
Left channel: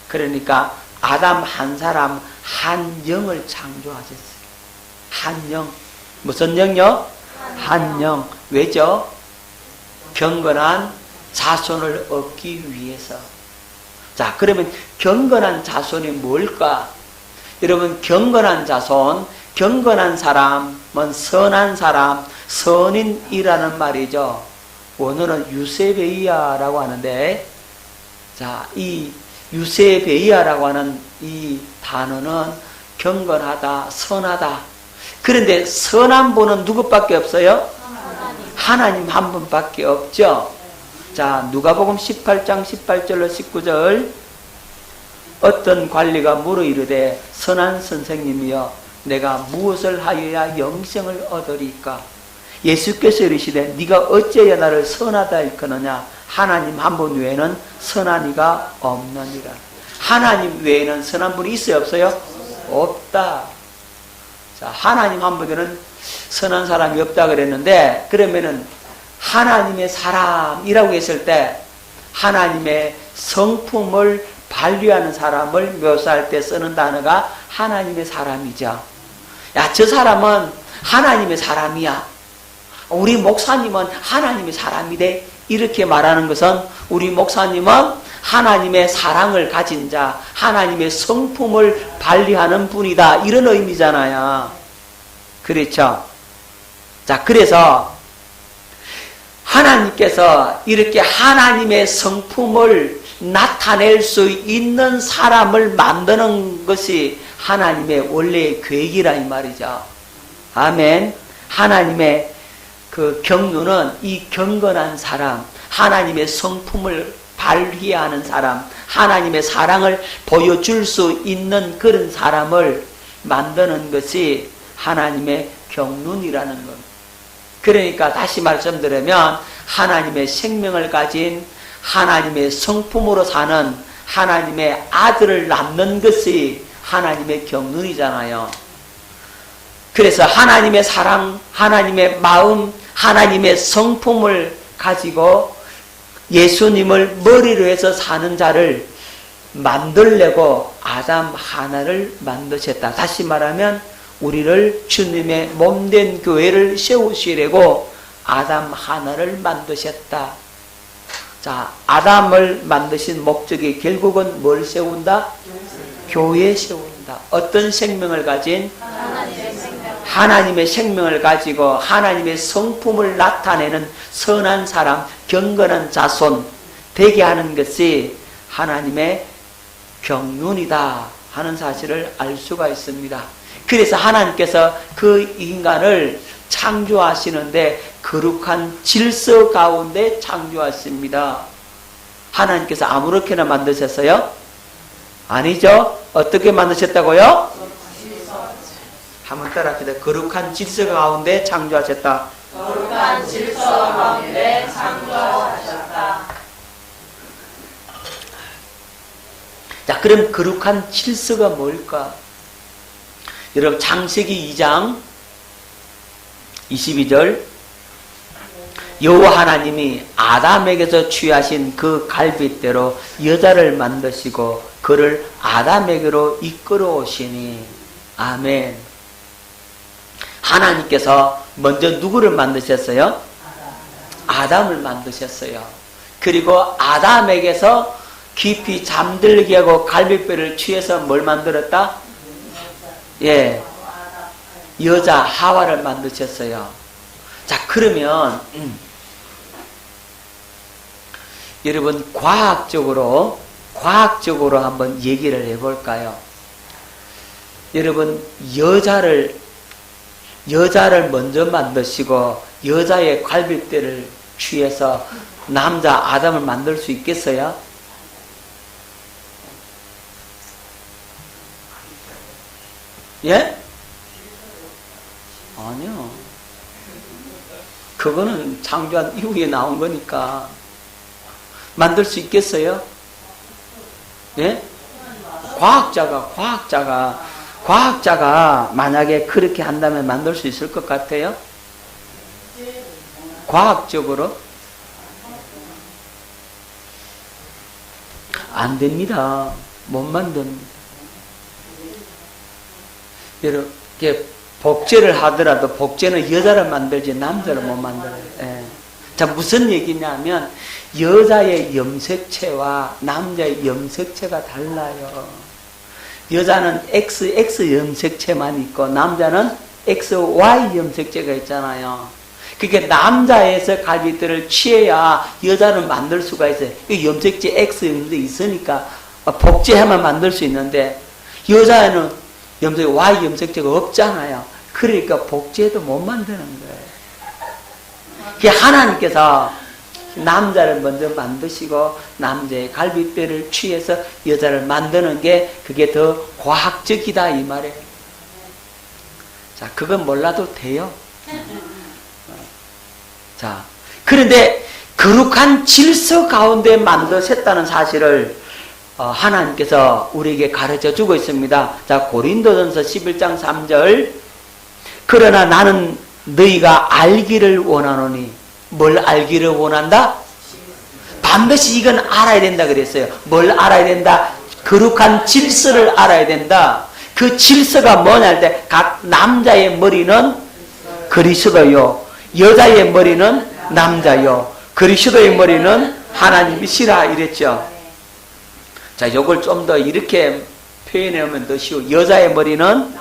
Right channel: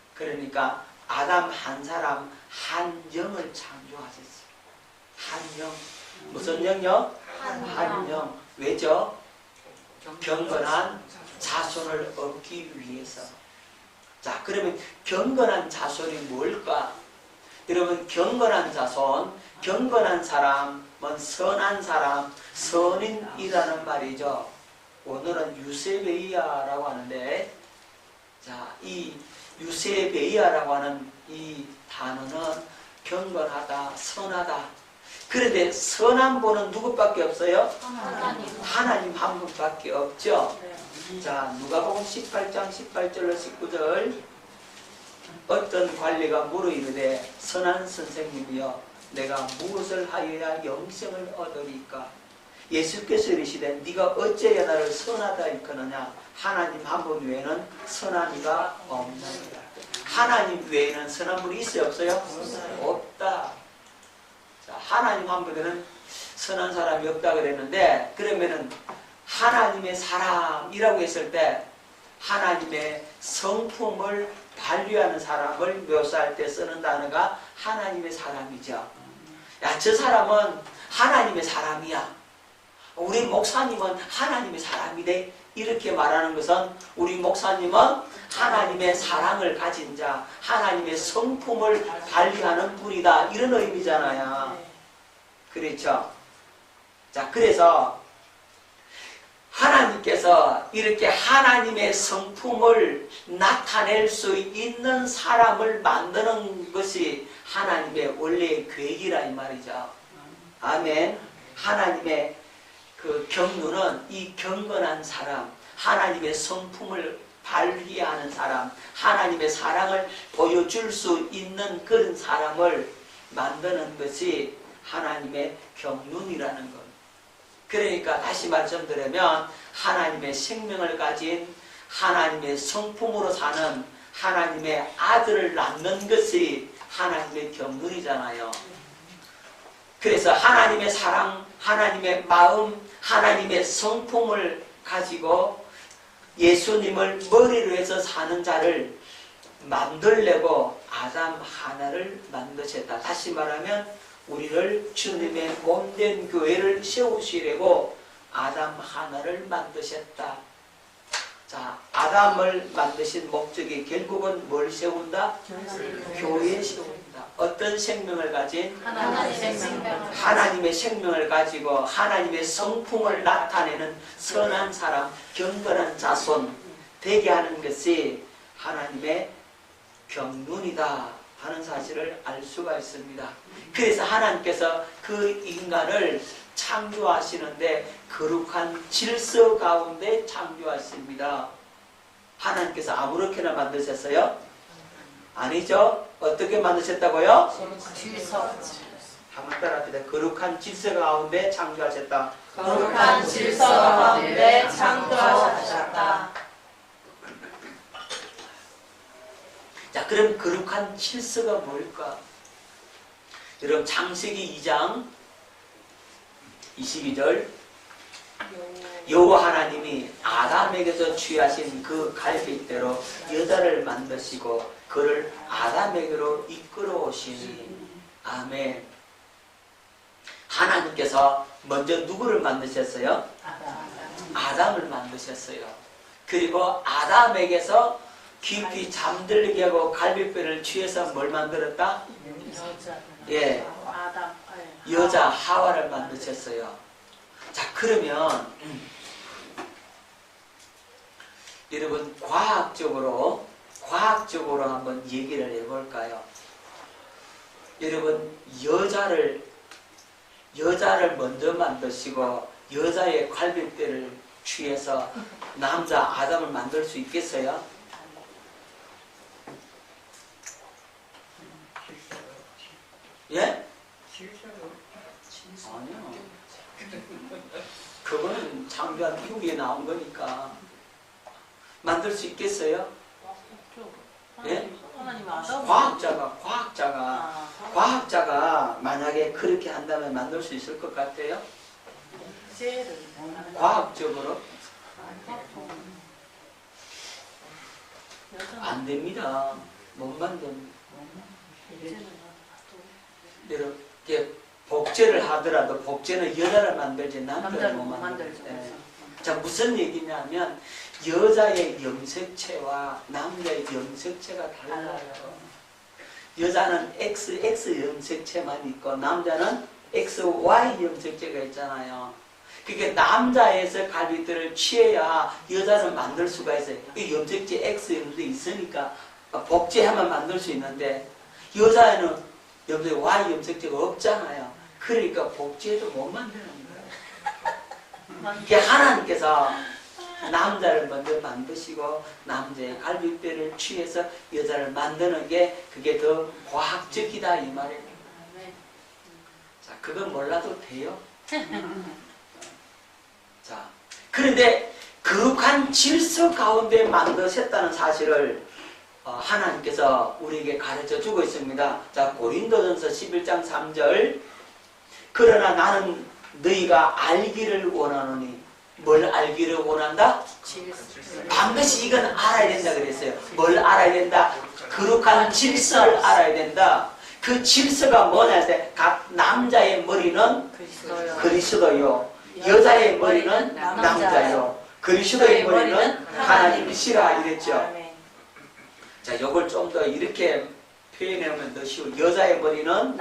그러니까 아담 한 사람 한 영을 창조하셨어요. 한 영. 무슨 영요? 한 영. 왜죠? 경건한 자손을 얻기 위해서. 자, 그러면 경건한 자손이 뭘까? 여러분, 경건한 자손, 경건한 사람은 선한 사람, 선인이라는 말이죠. 원어는 유세베이아라고 하는데, 자, 이 유세베이아라고 하는 이 단어는 경건하다, 선하다. 그런데 선한 분은 누구밖에 없어요? 하나님 한 분밖에 없죠. 자, 누가복음 18장 18절로 19절. 어떤 관리가 물어 이르되 선한 선생님이여 내가 무엇을 하여야 영생을 얻으리까? 예수께서 이르시되 네가 어찌하여 나를 선하다 일컫느냐? 하나님 한 분 외에는 선한 이가 없느니라. 하나님 외에는 선한 분이 있어요 없어요? 없다. 자, 하나님 한 분에는 선한 사람이 없다 그랬는데, 그러면은 하나님의 사람이라고 했을 때 하나님의 성품을 발휘하는 사람을 묘사할 때 쓰는 단어가 하나님의 사람이죠. 야, 저 사람은 하나님의 사람이야. 우리 목사님은 하나님의 사람이래. 이렇게 말하는 것은 우리 목사님은 하나님의 사랑을 가진 자, 하나님의 성품을 발휘하는 분이다. 이런 의미잖아요. 그렇죠? 자, 그래서 하나님께서 이렇게 하나님의 성품을 나타낼 수 있는 사람을 만드는 것이 하나님의 원래의 계획이라 이 말이죠. 아멘. 하나님의 그 경륜은 이 경건한 사람, 하나님의 성품을 발휘하는 사람, 하나님의 사랑을 보여줄 수 있는 그런 사람을 만드는 것이 하나님의 경륜이라는 것. 그러니까 다시 말씀드리면 하나님의 생명을 가진 하나님의 성품으로 사는 하나님의 아들을 낳는 것이 하나님의 경륜이잖아요. 그래서 하나님의 사랑, 하나님의 마음, 하나님의 성품을 가지고 예수님을 머리로 해서 사는 자를 만들려고 아담 하나를 만드셨다. 다시 말하면 우리를 주님의 몸된 교회를 세우시려고 아담 하나를 만드셨다. 자, 아담을 만드신 목적이 결국은 뭘 세운다? 교회 세운다. 어떤 생명을 가진? 하나님의 생명을 가지고 하나님의 성품을 나타내는 선한 사람, 경건한 자손 되게 하는 것이 하나님의 경륜이다 하는 사실을 알 수가 있습니다. 그래서 하나님께서 그 인간을 창조하시는데 거룩한 질서 가운데 창조하십니다. 하나님께서 아무렇게나 만드셨어요? 아니죠. 어떻게 만드셨다고요? 한번 따라합시다. 거룩한 질서 가운데 창조하셨다. 거룩한 질서 가운데 창조하셨다. 자, 그럼 거룩한 질서가 뭘까? 여러분 창세기 2장 22절 여호와 하나님이 아담에게서 취하신 그 갈빗대로 여자를 만드시고 그를 아담에게로 이끌어 오시니 아멘. 하나님께서 먼저 누구를 만드셨어요? 아담을 만드셨어요. 그리고 아담에게서 깊이 잠들게 하고 갈빗뼈를 취해서 뭘 만들었다? 예, 여자 하와를 만드셨어요. 자, 그러면 여러분 과학적으로 한번 얘기를 해볼까요? 여러분 여자를 먼저 만드시고 여자의 갈빗대를 취해서 남자 아담을 만들 수 있겠어요? 예? 아니요. 그거는 창조한 이후에 나온 거니까 만들 수 있겠어요? 예? 과학자가 만약에 그렇게 한다면 만들 수 있을 것 같아요? 과학적으로? 안 됩니다. 못 만듭니다. 이렇게 복제를 하더라도 복제는 여자를 만들지 남자를 못 만들어요. 예. 자, 무슨 얘기냐면 여자의 염색체와 남자의 염색체가 달라요. 여자는 XX 염색체만 있고 남자는 XY 염색체가 있잖아요. 그러니까 남자에서 갈빗대를 취해야 여자는 만들 수가 있어요. 염색체 X 염색이 있으니까 복제하면 만들 수 있는데 여자는 Y 염색체가 없잖아요. 그러니까 복제도 못 만드는 거예요. 그게 하나님께서 남자를 먼저 만드시고 남자의 갈빗대를 취해서 여자를 만드는 게 그게 더 과학적이다 이 말이에요. 자, 그건 몰라도 돼요. 자, 그런데 거룩한 질서 가운데 만드셨다는 사실을 하나님께서 우리에게 가르쳐 주고 있습니다. 자, 고린도전서 11장 3절 그러나 나는 너희가 알기를 원하노니 뭘 알기를 원한다? 반드시 이건 알아야 된다 그랬어요. 뭘 알아야 된다? 거룩한 질서를 알아야 된다. 그 질서가 뭐냐 할 때 각 남자의 머리는 그리스도요, 여자의 머리는 남자요, 그리스도의 머리는 하나님이시라 이랬죠. 자, 요걸 좀 더 이렇게 표현하면 더 쉬워. 여자의 머리는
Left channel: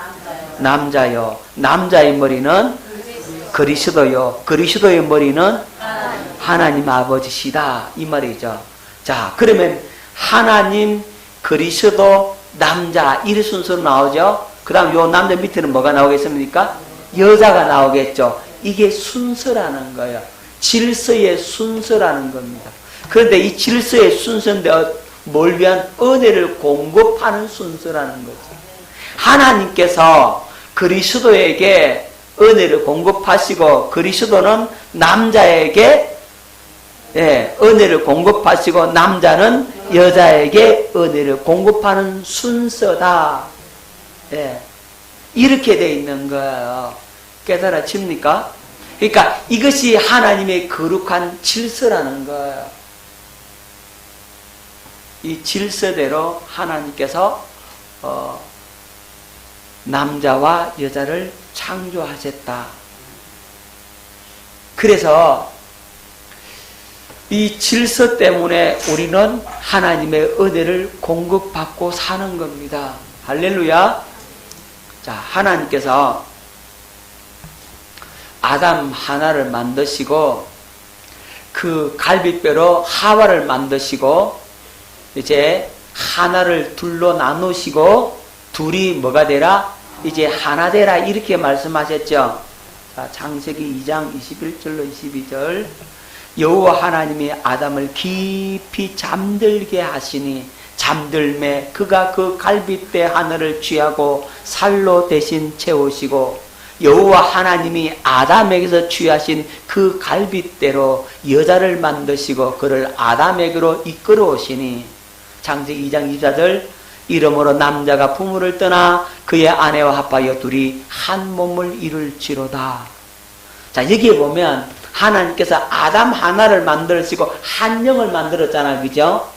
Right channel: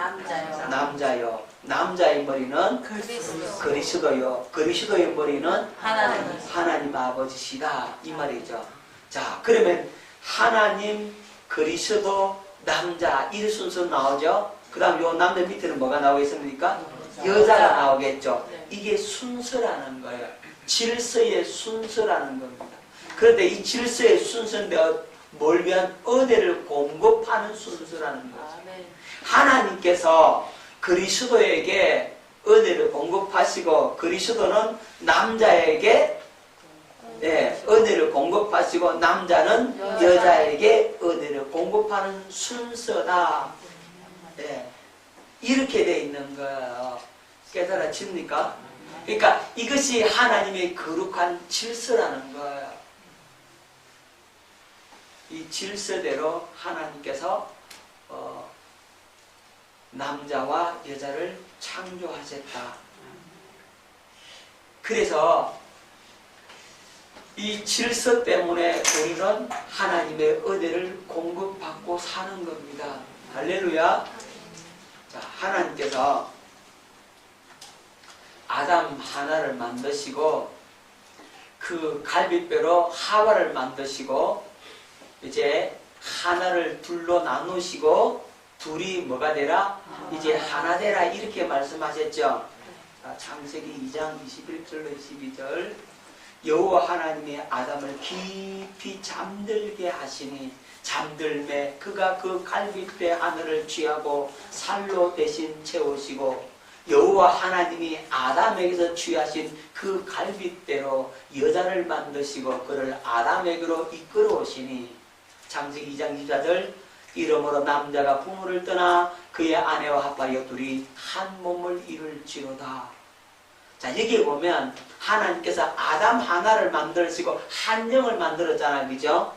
남자요, 남자의 머리는 그리스도요, 그리스도의 머리는 하나님 아버지시다 이 말이죠. 자, 그러면 하나님, 그리스도, 남자 이 순서로 나오죠. 그 다음 요 남자 밑에는 뭐가 나오겠습니까? 여자가 나오겠죠. 이게 순서라는 거예요. 질서의 순서라는 겁니다. 그런데 이 질서의 순서인데 뭘 위한 은혜를 공급하는 순서라는 거죠. 하나님께서 그리스도에게 은혜를 공급하시고 그리스도는 남자에게 은혜를 공급하시고 남자는 여자에게 은혜를 공급하는 순서다. 이렇게 되어 있는 거예요. 깨달아집니까? 그러니까 이것이 하나님의 거룩한 질서라는 거예요. 이 질서대로 하나님께서 남자와 여자를 창조하셨다. 그래서 이 질서 때문에 우리는 하나님의 은혜를 공급받고 사는 겁니다. 할렐루야. 자, 하나님께서 아담 하나를 만드시고 그 갈빗뼈로 하와를 만드시고 이제 하나를 둘로 나누시고 둘이 뭐가 되라? 이제 하나 되라 이렇게 말씀하셨죠. 자, 창세기 2장 21절로 22절. 여호와 하나님이 아담을 깊이 잠들게 하시니 잠들매 그가 그 갈빗대 하늘을 취하고 살로 대신 채우시고 여호와 하나님이 아담에게서 취하신 그 갈빗대로 여자를 만드시고 그를 아담에게로 이끌어 오시니 창세기 2장 24절. 이러므로 남자가 부모를 떠나 그의 아내와 합하여 둘이 한 몸을 이룰지로다. 자, 여기에 보면 하나님께서 아담 하나를 만들으시고 한 영을 만들었잖아요. 그죠?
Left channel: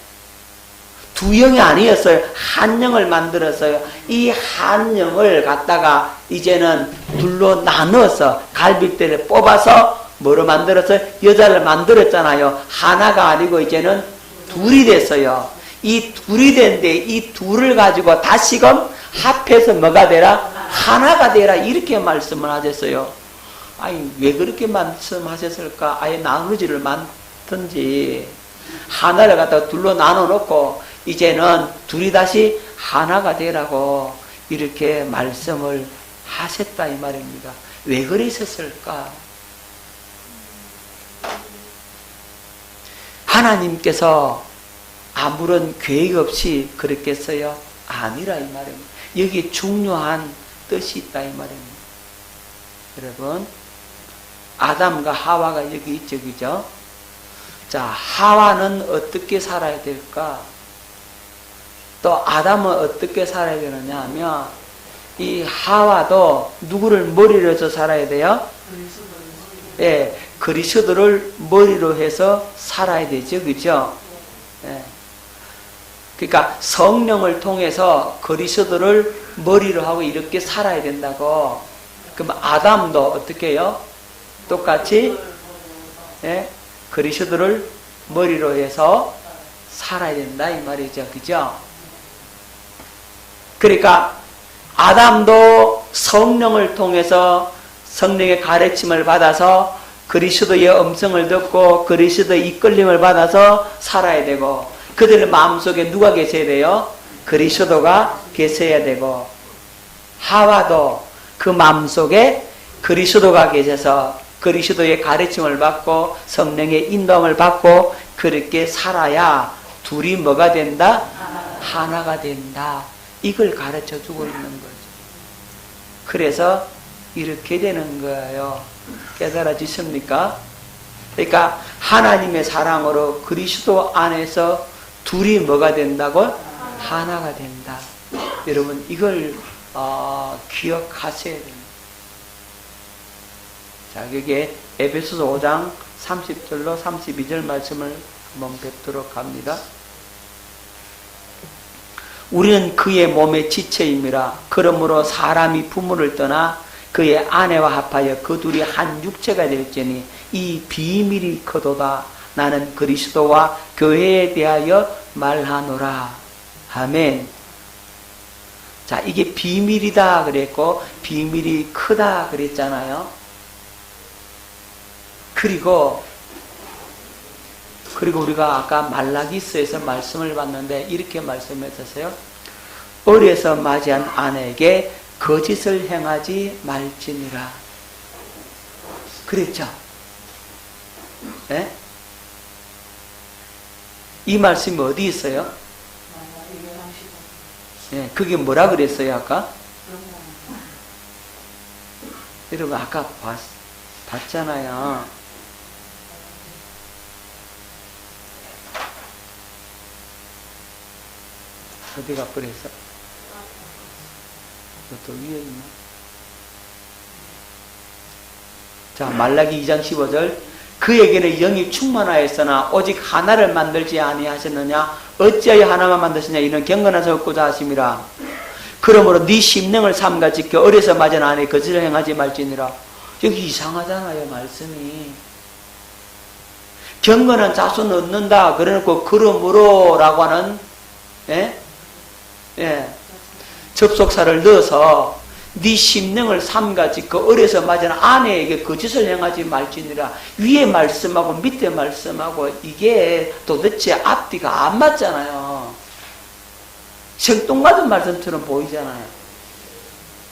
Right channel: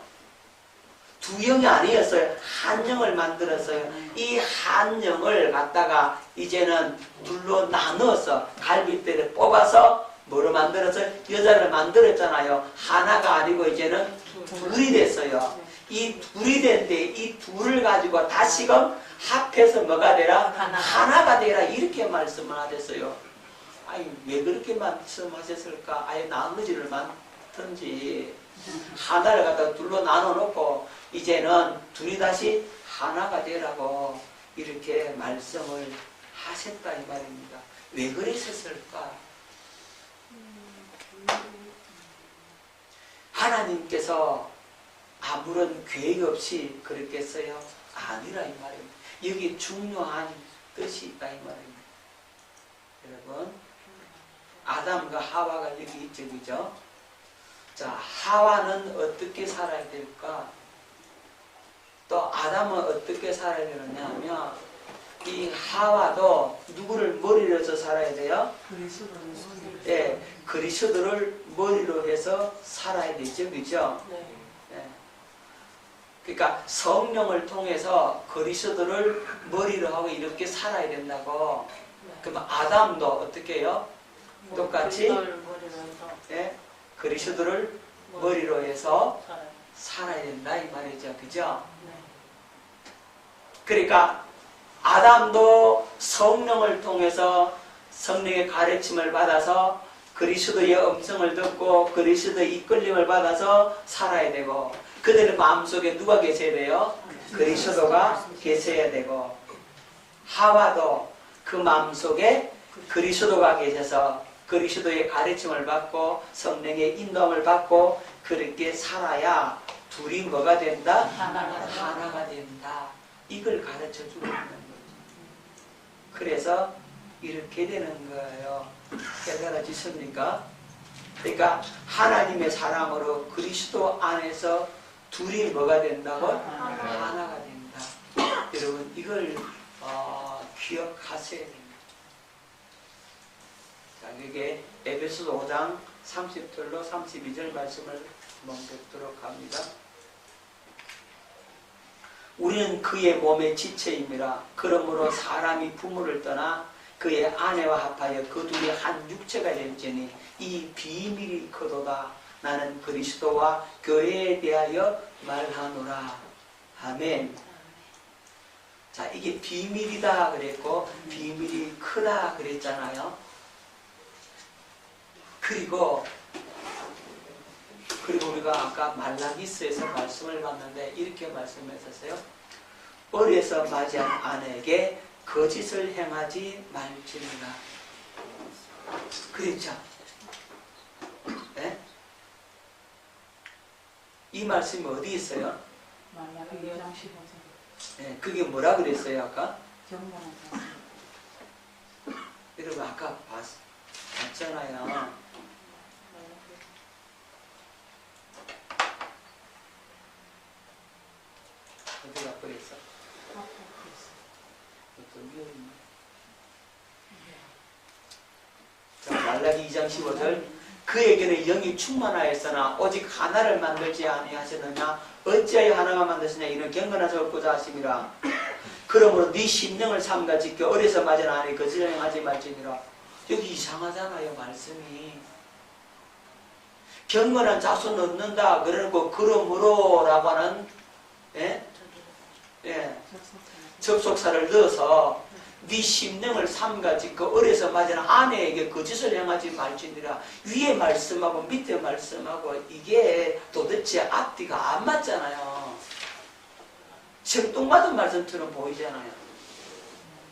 두 영이 아니었어요. 한 영을 만들었어요. 이 한 영을 갖다가 이제는 둘로 나눠서 갈빗대를 뽑아서 뭐로 만들었어요? 여자를 만들었잖아요. 하나가 아니고 이제는 둘이 됐어요. 이 둘이 된데 이 둘을 가지고 다시금 합해서 뭐가 되라? 하나가 되라 이렇게 말씀을 하셨어요. 아니 왜 그렇게 말씀하셨을까? 아예 나누지를 많든지 하나를 갖다가 둘로 나눠놓고 이제는 둘이 다시 하나가 되라고 이렇게 말씀을 하셨다 이 말입니다. 왜 그러셨을까? 하나님께서 아무런 계획 없이 그랬겠어요? 아니라 이 말입니다. 여기 중요한 뜻이 있다 이 말입니다. 여러분, 아담과 하와가 여기 있죠, 그죠? 자, 하와는 어떻게 살아야 될까? 또 아담은 어떻게 살아야 되느냐 하면 이 하와도 누구를 머리로 해서 살아야 돼요? 예, 그리스도를 머리로 해서 살아야 되죠, 그죠? 예. 그러니까 성령을 통해서 그리스도를 머리로 하고 이렇게 살아야 된다고. 그럼 아담도 어떻게 해요? 똑같이 예? 그리스도를 머리로 해서 살아야 된다 이 말이죠. 그죠? 그러니까 아담도 성령을 통해서 성령의 가르침을 받아서 그리스도의 음성을 듣고 그리스도의 이끌림을 받아서 살아야 되고 그들의 마음속에 누가 계셔야 돼요? 그리스도가 계셔야 되고 하와도 그 마음속에 그리스도가 계셔서 그리스도의 가르침을 받고 성령의 인도함을 받고 그렇게 살아야 둘이 뭐가 된다? 하나가 된다. 이걸 가르쳐 주고 있는 거죠. 그래서 이렇게 되는 거예요. 깨달아지십니까? 그러니까 하나님의 사랑으로 그리스도 안에서 둘이 뭐가 된다고? 하나가 된다. 여러분 이걸 기억하셔야 됩니다. 자, 여기에 에베소서 5장 30절로 32절 말씀을 한번 뵙도록 합니다. 우리는 그의 몸의 지체임이라. 그러므로 사람이 부모를 떠나 그의 아내와 합하여 그 둘이 한 육체가 될지니 이 비밀이 크도다. 나는 그리스도와 교회에 대하여 말하노라. 아멘. 자, 이게 비밀이다 그랬고 비밀이 크다 그랬잖아요. 그리고 우리가 아까 말라기서에서 말씀을 봤는데 이렇게 말씀했었어요. 어려서 맞이한 아내에게 거짓을 행하지 말지니라. 그랬죠? 네? 이 말씀이 어디 있어요? 네, 그게 뭐라 그랬어요 아까? 여러분 아까 봤잖아요. 어디가 그랬어? 또 위에 있나? 자, 말라기 2장 15절. 그에게는 영이 충만하였으나 오직 하나를 만들지 아니하셨느냐? 어찌하여 하나만 만드시냐? 이는 경건한 섞고자 하심이라. 그러므로 네 심령을 삼가 지켜 어려서 맞은 아내 거짓을 행하지 말지니라. 여기 이상하잖아요 말씀이. 경건한 자손 얻는다 그래놓고 그러므로라고 하는 접속사를 넣어서 네 심령을 삼가 지켜 어려서 맞은 아내에게 거짓을 행하지 말지니라. 위에 말씀하고 밑에 말씀하고 이게 도대체 앞뒤가 안 맞잖아요. 생뚱맞은 말씀처럼 보이잖아요.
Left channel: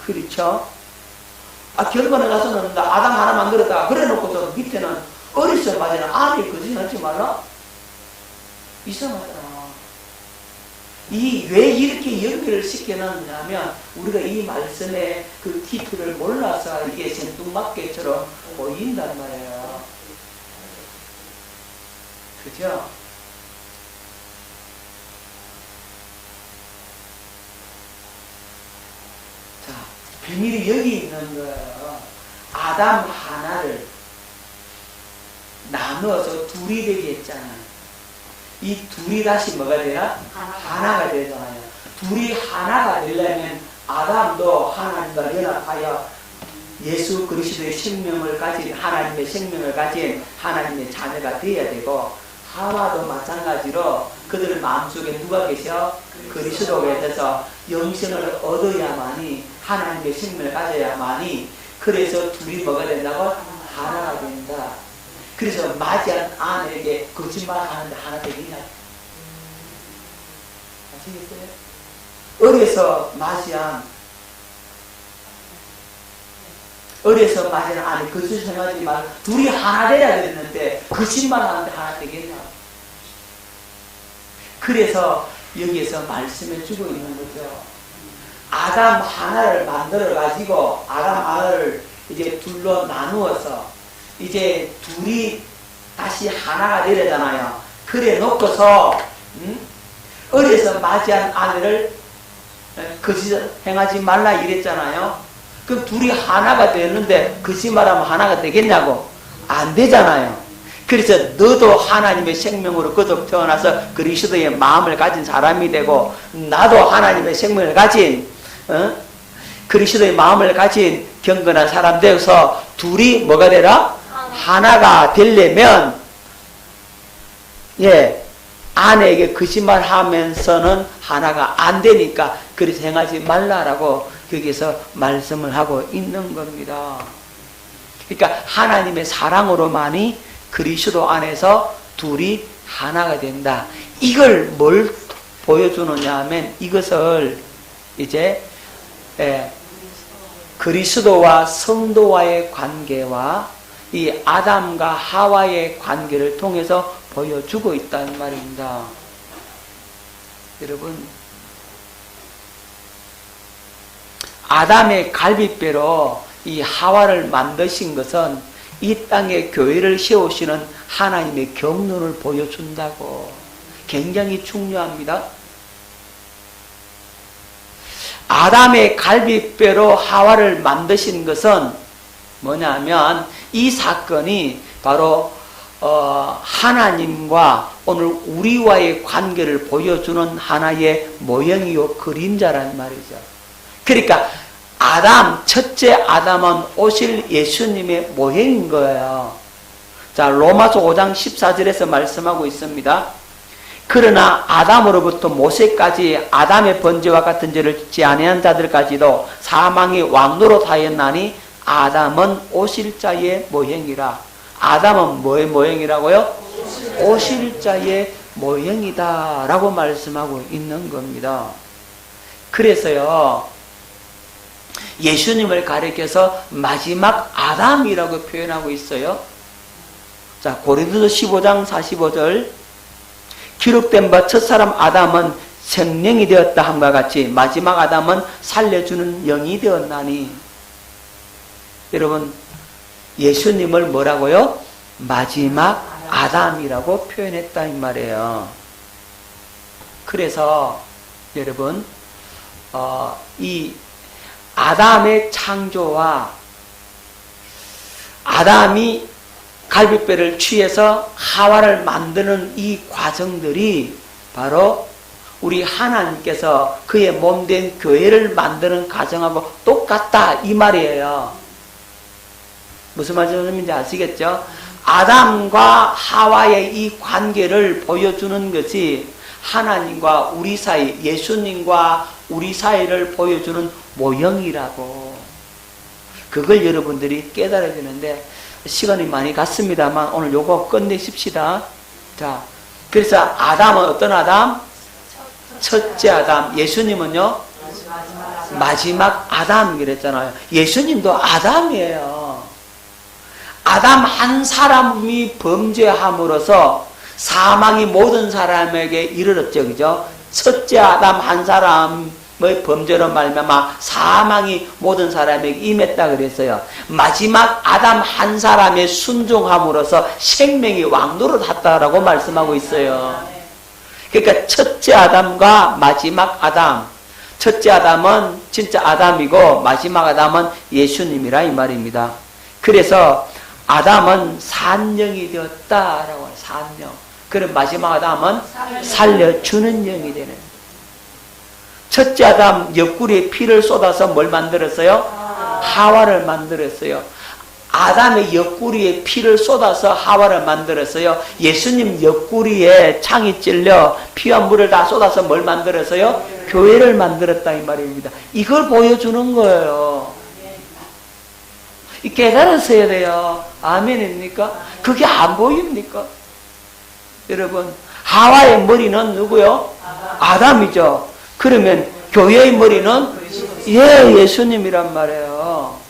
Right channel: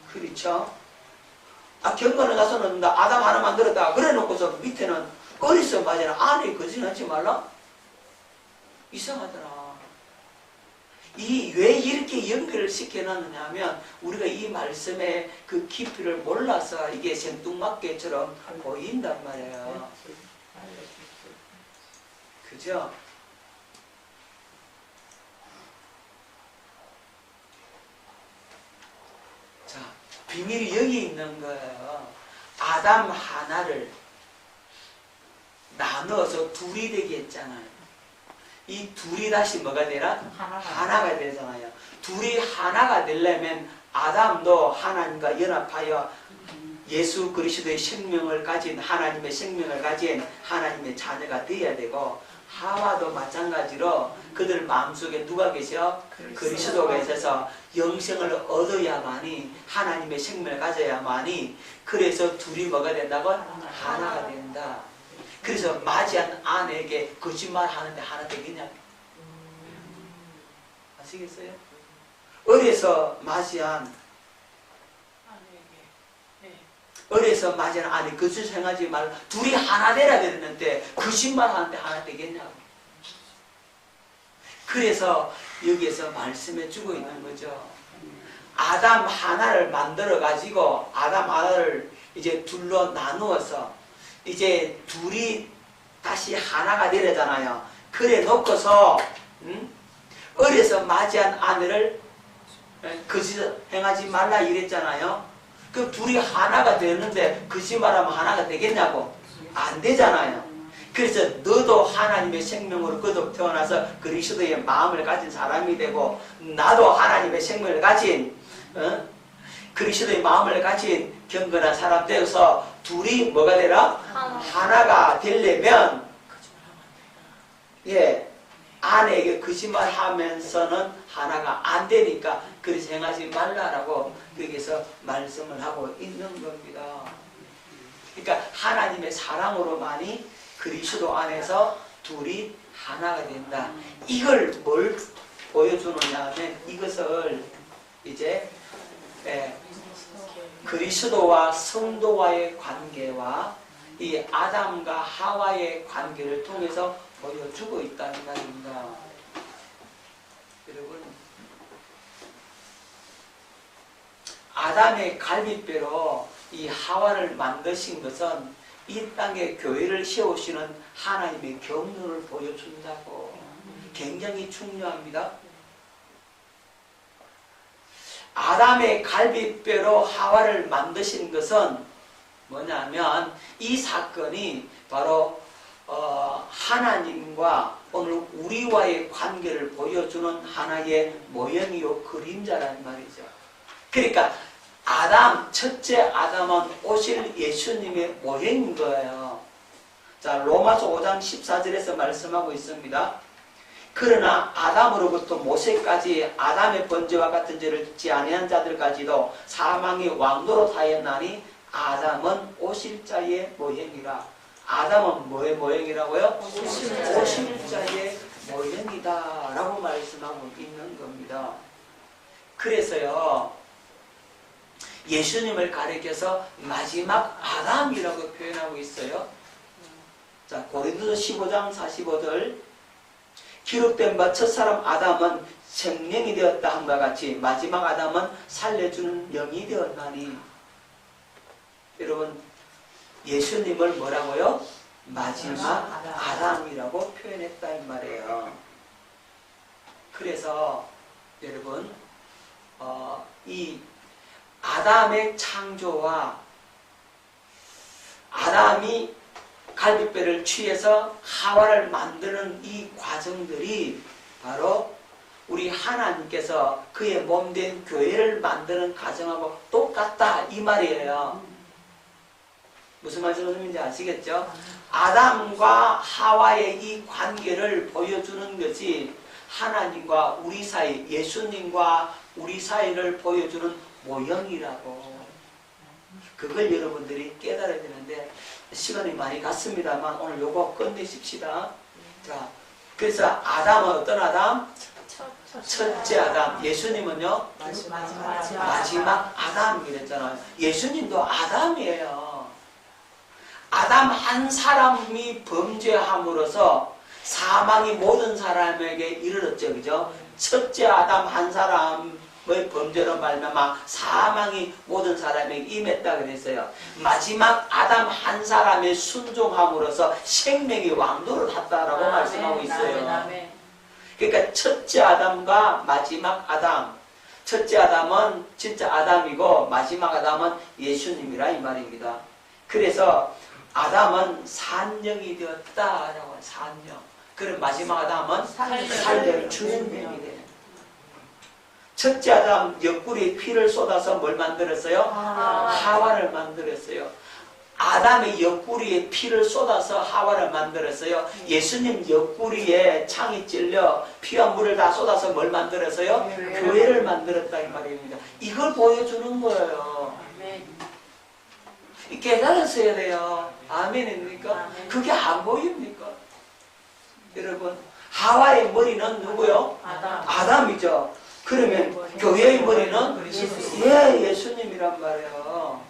그렇죠? 결과를 나서는 아담 하나 만들었다. 그래 놓고서 밑에는 어디서 봐야 아니 그러지 않지 마라? 이상하더라. 왜 이렇게 연결을 시켜놨냐면 우리가 이 말씀의 그 깊이를 몰라서 이게 생뚱맞게처럼 보인단 말이에요. 그죠? 자, 비밀이 여기 있는 거예요. 아담 하나를 나누어서 둘이 되게 했잖아요. 이 둘이 다시 뭐가 돼야? 하나가 되잖아요. 둘이 하나가 되려면 아담도 하나님과 연합하여 예수 그리스도의 생명을 가진 하나님의 생명을 가진 하나님의 자녀가 되어야 되고, 하와도 마찬가지로 그들 마음속에 누가 계셔? 그리스도로 해서 영생을 얻어야만이 하나님의 생명을 가져야만이, 그래서 둘이 뭐가 된다고? 하나가 된다. 그래서 맞이한 아내에게 거짓말하는데 하나 되기냐? 아시겠어요? 어려서 맞이한 아내 거짓말 생각하지 말고 둘이 하나 돼야 됐는데 거짓말하는데 하나 되겠냐? 그래서 여기에서 말씀을 주고 있는 거죠. 아담 하나를 만들어 가지고 아담 하나를 이제 둘로 나누어서 이제 둘이 다시 하나가 되잖아요. 그래 놓고서 어려서 맞이한 아내를 거짓 행하지 말라 이랬잖아요. 그 둘이 하나가 되는데 거짓말하면 하나가 되겠냐고? 안 되잖아요. 그래서 너도 하나님의 생명으로 거듭 태어나서 그리스도의 마음을 가진 사람이 되고, 나도 하나님의 생명을 가진 그리스도의 마음을 가진 경건한 사람 되어서 둘이 뭐가 되라? 하나가 되려면 아내에게 거짓말하면서는 하나가 안 되니까 그렇게 생각하지 말라라고 여기서 말씀을 하고 있는 겁니다. 그러니까 하나님의 사랑으로만이 그리스도 안에서 둘이 하나가 된다. 이걸 뭘 보여주느냐 하면 이것을 이제 그리스도와 성도와의 관계와 이 아담과 하와의 관계를 통해서 보여주고 있다는 말입니다. 여러분, 아담의 갈빗배로 이 하와를 만드신 것은 이 땅에 교회를 세우시는 하나님의 경륜을 보여준다고. 굉장히 중요합니다. 아담의 갈빗배로 하와를 만드신 것은 뭐냐면 이 사건이 바로 하나님과 오늘 우리와의 관계를 보여주는 하나의 모형이요 그림자라는 말이죠. 그러니까 첫째 아담은 오실 예수님의 모형인 거예요. 자, 로마서 5장 14절에서 말씀하고 있습니다. 그러나 아담으로부터 모세까지 아담의 번제와 같은 죄를 짓지 아니한 자들까지도 사망의 왕노로 하였나니 아담은 오실 자의 모형이라. 아담은 뭐의 모형이라고요? 오실 자의 모형이다 라고 말씀하고 있는 겁니다. 그래서요, 예수님을 가리켜서 마지막 아담이라고 표현하고 있어요. 자, 고린도서 15장 45절, 기록된 바 첫사람 아담은 생명이 되었다 함과 같이 마지막 아담은 살려주는 영이 되었나니. 여러분, 예수님을 뭐라고요? 마지막 아담이라고 표현했다 이 말이에요. 그래서 여러분, 이 아담의 창조와 아담이 갈빗배를 취해서 하와를 만드는 이 과정들이 바로 우리 하나님께서 그의 몸된 교회를 만드는 과정하고 똑같다 이 말이에요. 무슨 말씀인지 아시겠죠? 아담과 하와의 이 관계를 보여주는 것이 하나님과 우리 사이, 예수님과 우리 사이를 보여주는 모형이라고. 그걸 여러분들이 깨달아야 되는데 시간이 많이 갔습니다만 오늘 요거 끝내십시다. 자, 그래서 아담은 어떤 아담? 첫째 아담. 예수님은요? 마지막 아담 그랬잖아요. 예수님도 아담이에요. 아담 한 사람이 범죄함으로써 사망이 모든 사람에게 이르렀죠. 그죠? 첫째 아담 한 사람의 범죄로 말미암아 사망이 모든 사람에게 임했다 그랬어요. 마지막 아담 한 사람의 순종함으로써 생명이 왕노릇했다라고 말씀하고 있어요. 그러니까 첫째 아담과 마지막 아담. 첫째 아담은 진짜 아담이고 마지막 아담은 예수님이라 이 말입니다. 그래서 아담은 산영이 되었다라고. 산영. 그럼 마지막 아담은 살려주는 영이 되는. 첫째 아담 옆구리에 피를 쏟아서 뭘 만들었어요? 하와를 만들었어요. 아담의 옆구리에 피를 쏟아서 하와를 만들었어요. 예수님 옆구리에 창이 찔려 피와 물을 다 쏟아서 뭘 만들었어요? 교회를 만들었다 이 말입니다. 이걸 보여주는 거예요. 깨달으셔야 돼요. 아멘입니까? 그게 안 보입니까? 여러분, 하와의 머리는 누구요? 아담이죠. 그러면 교회의 머리는 예수님이란 말이에요.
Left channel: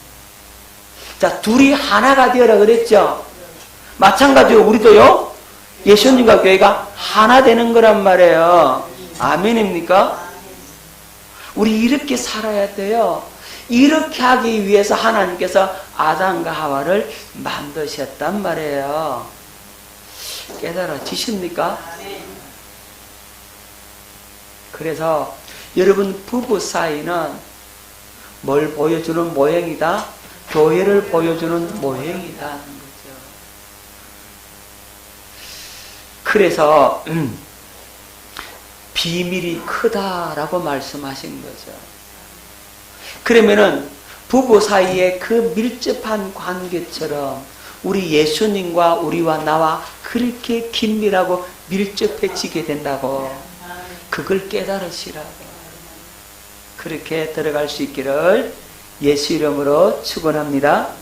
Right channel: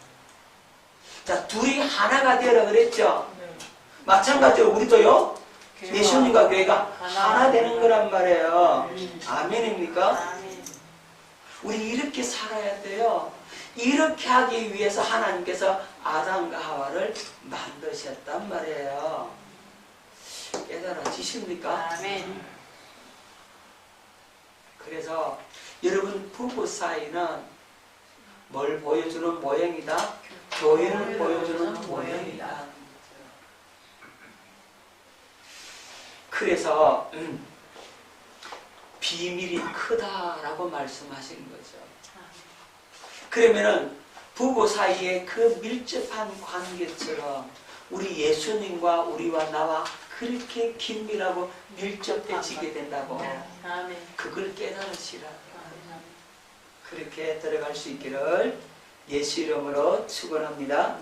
자, 둘이 하나가 되어라 그랬죠. 마찬가지로 우리도요, 예수님과 교회가 하나 되는 거란 말이에요. 아멘입니까? 우리 이렇게 살아야 돼요. 이렇게 하기 위해서 하나님께서 아담과 하와를 만드셨단 말이에요. 깨달아지십니까? 그래서 여러분 부부 사이는 뭘 보여주는 모형이다? 교회를 보여주는 모형이다. 그래서 비밀이 크다라고 말씀하신 거죠. 그러면은 부부 사이에 그 밀접한 관계처럼 우리 예수님과 우리와 나와 그렇게 긴밀하고 밀접해지게 된다고. 그걸 깨달으시라고. 그렇게 들어갈 수 있기를 예수 이름으로 축원합니다.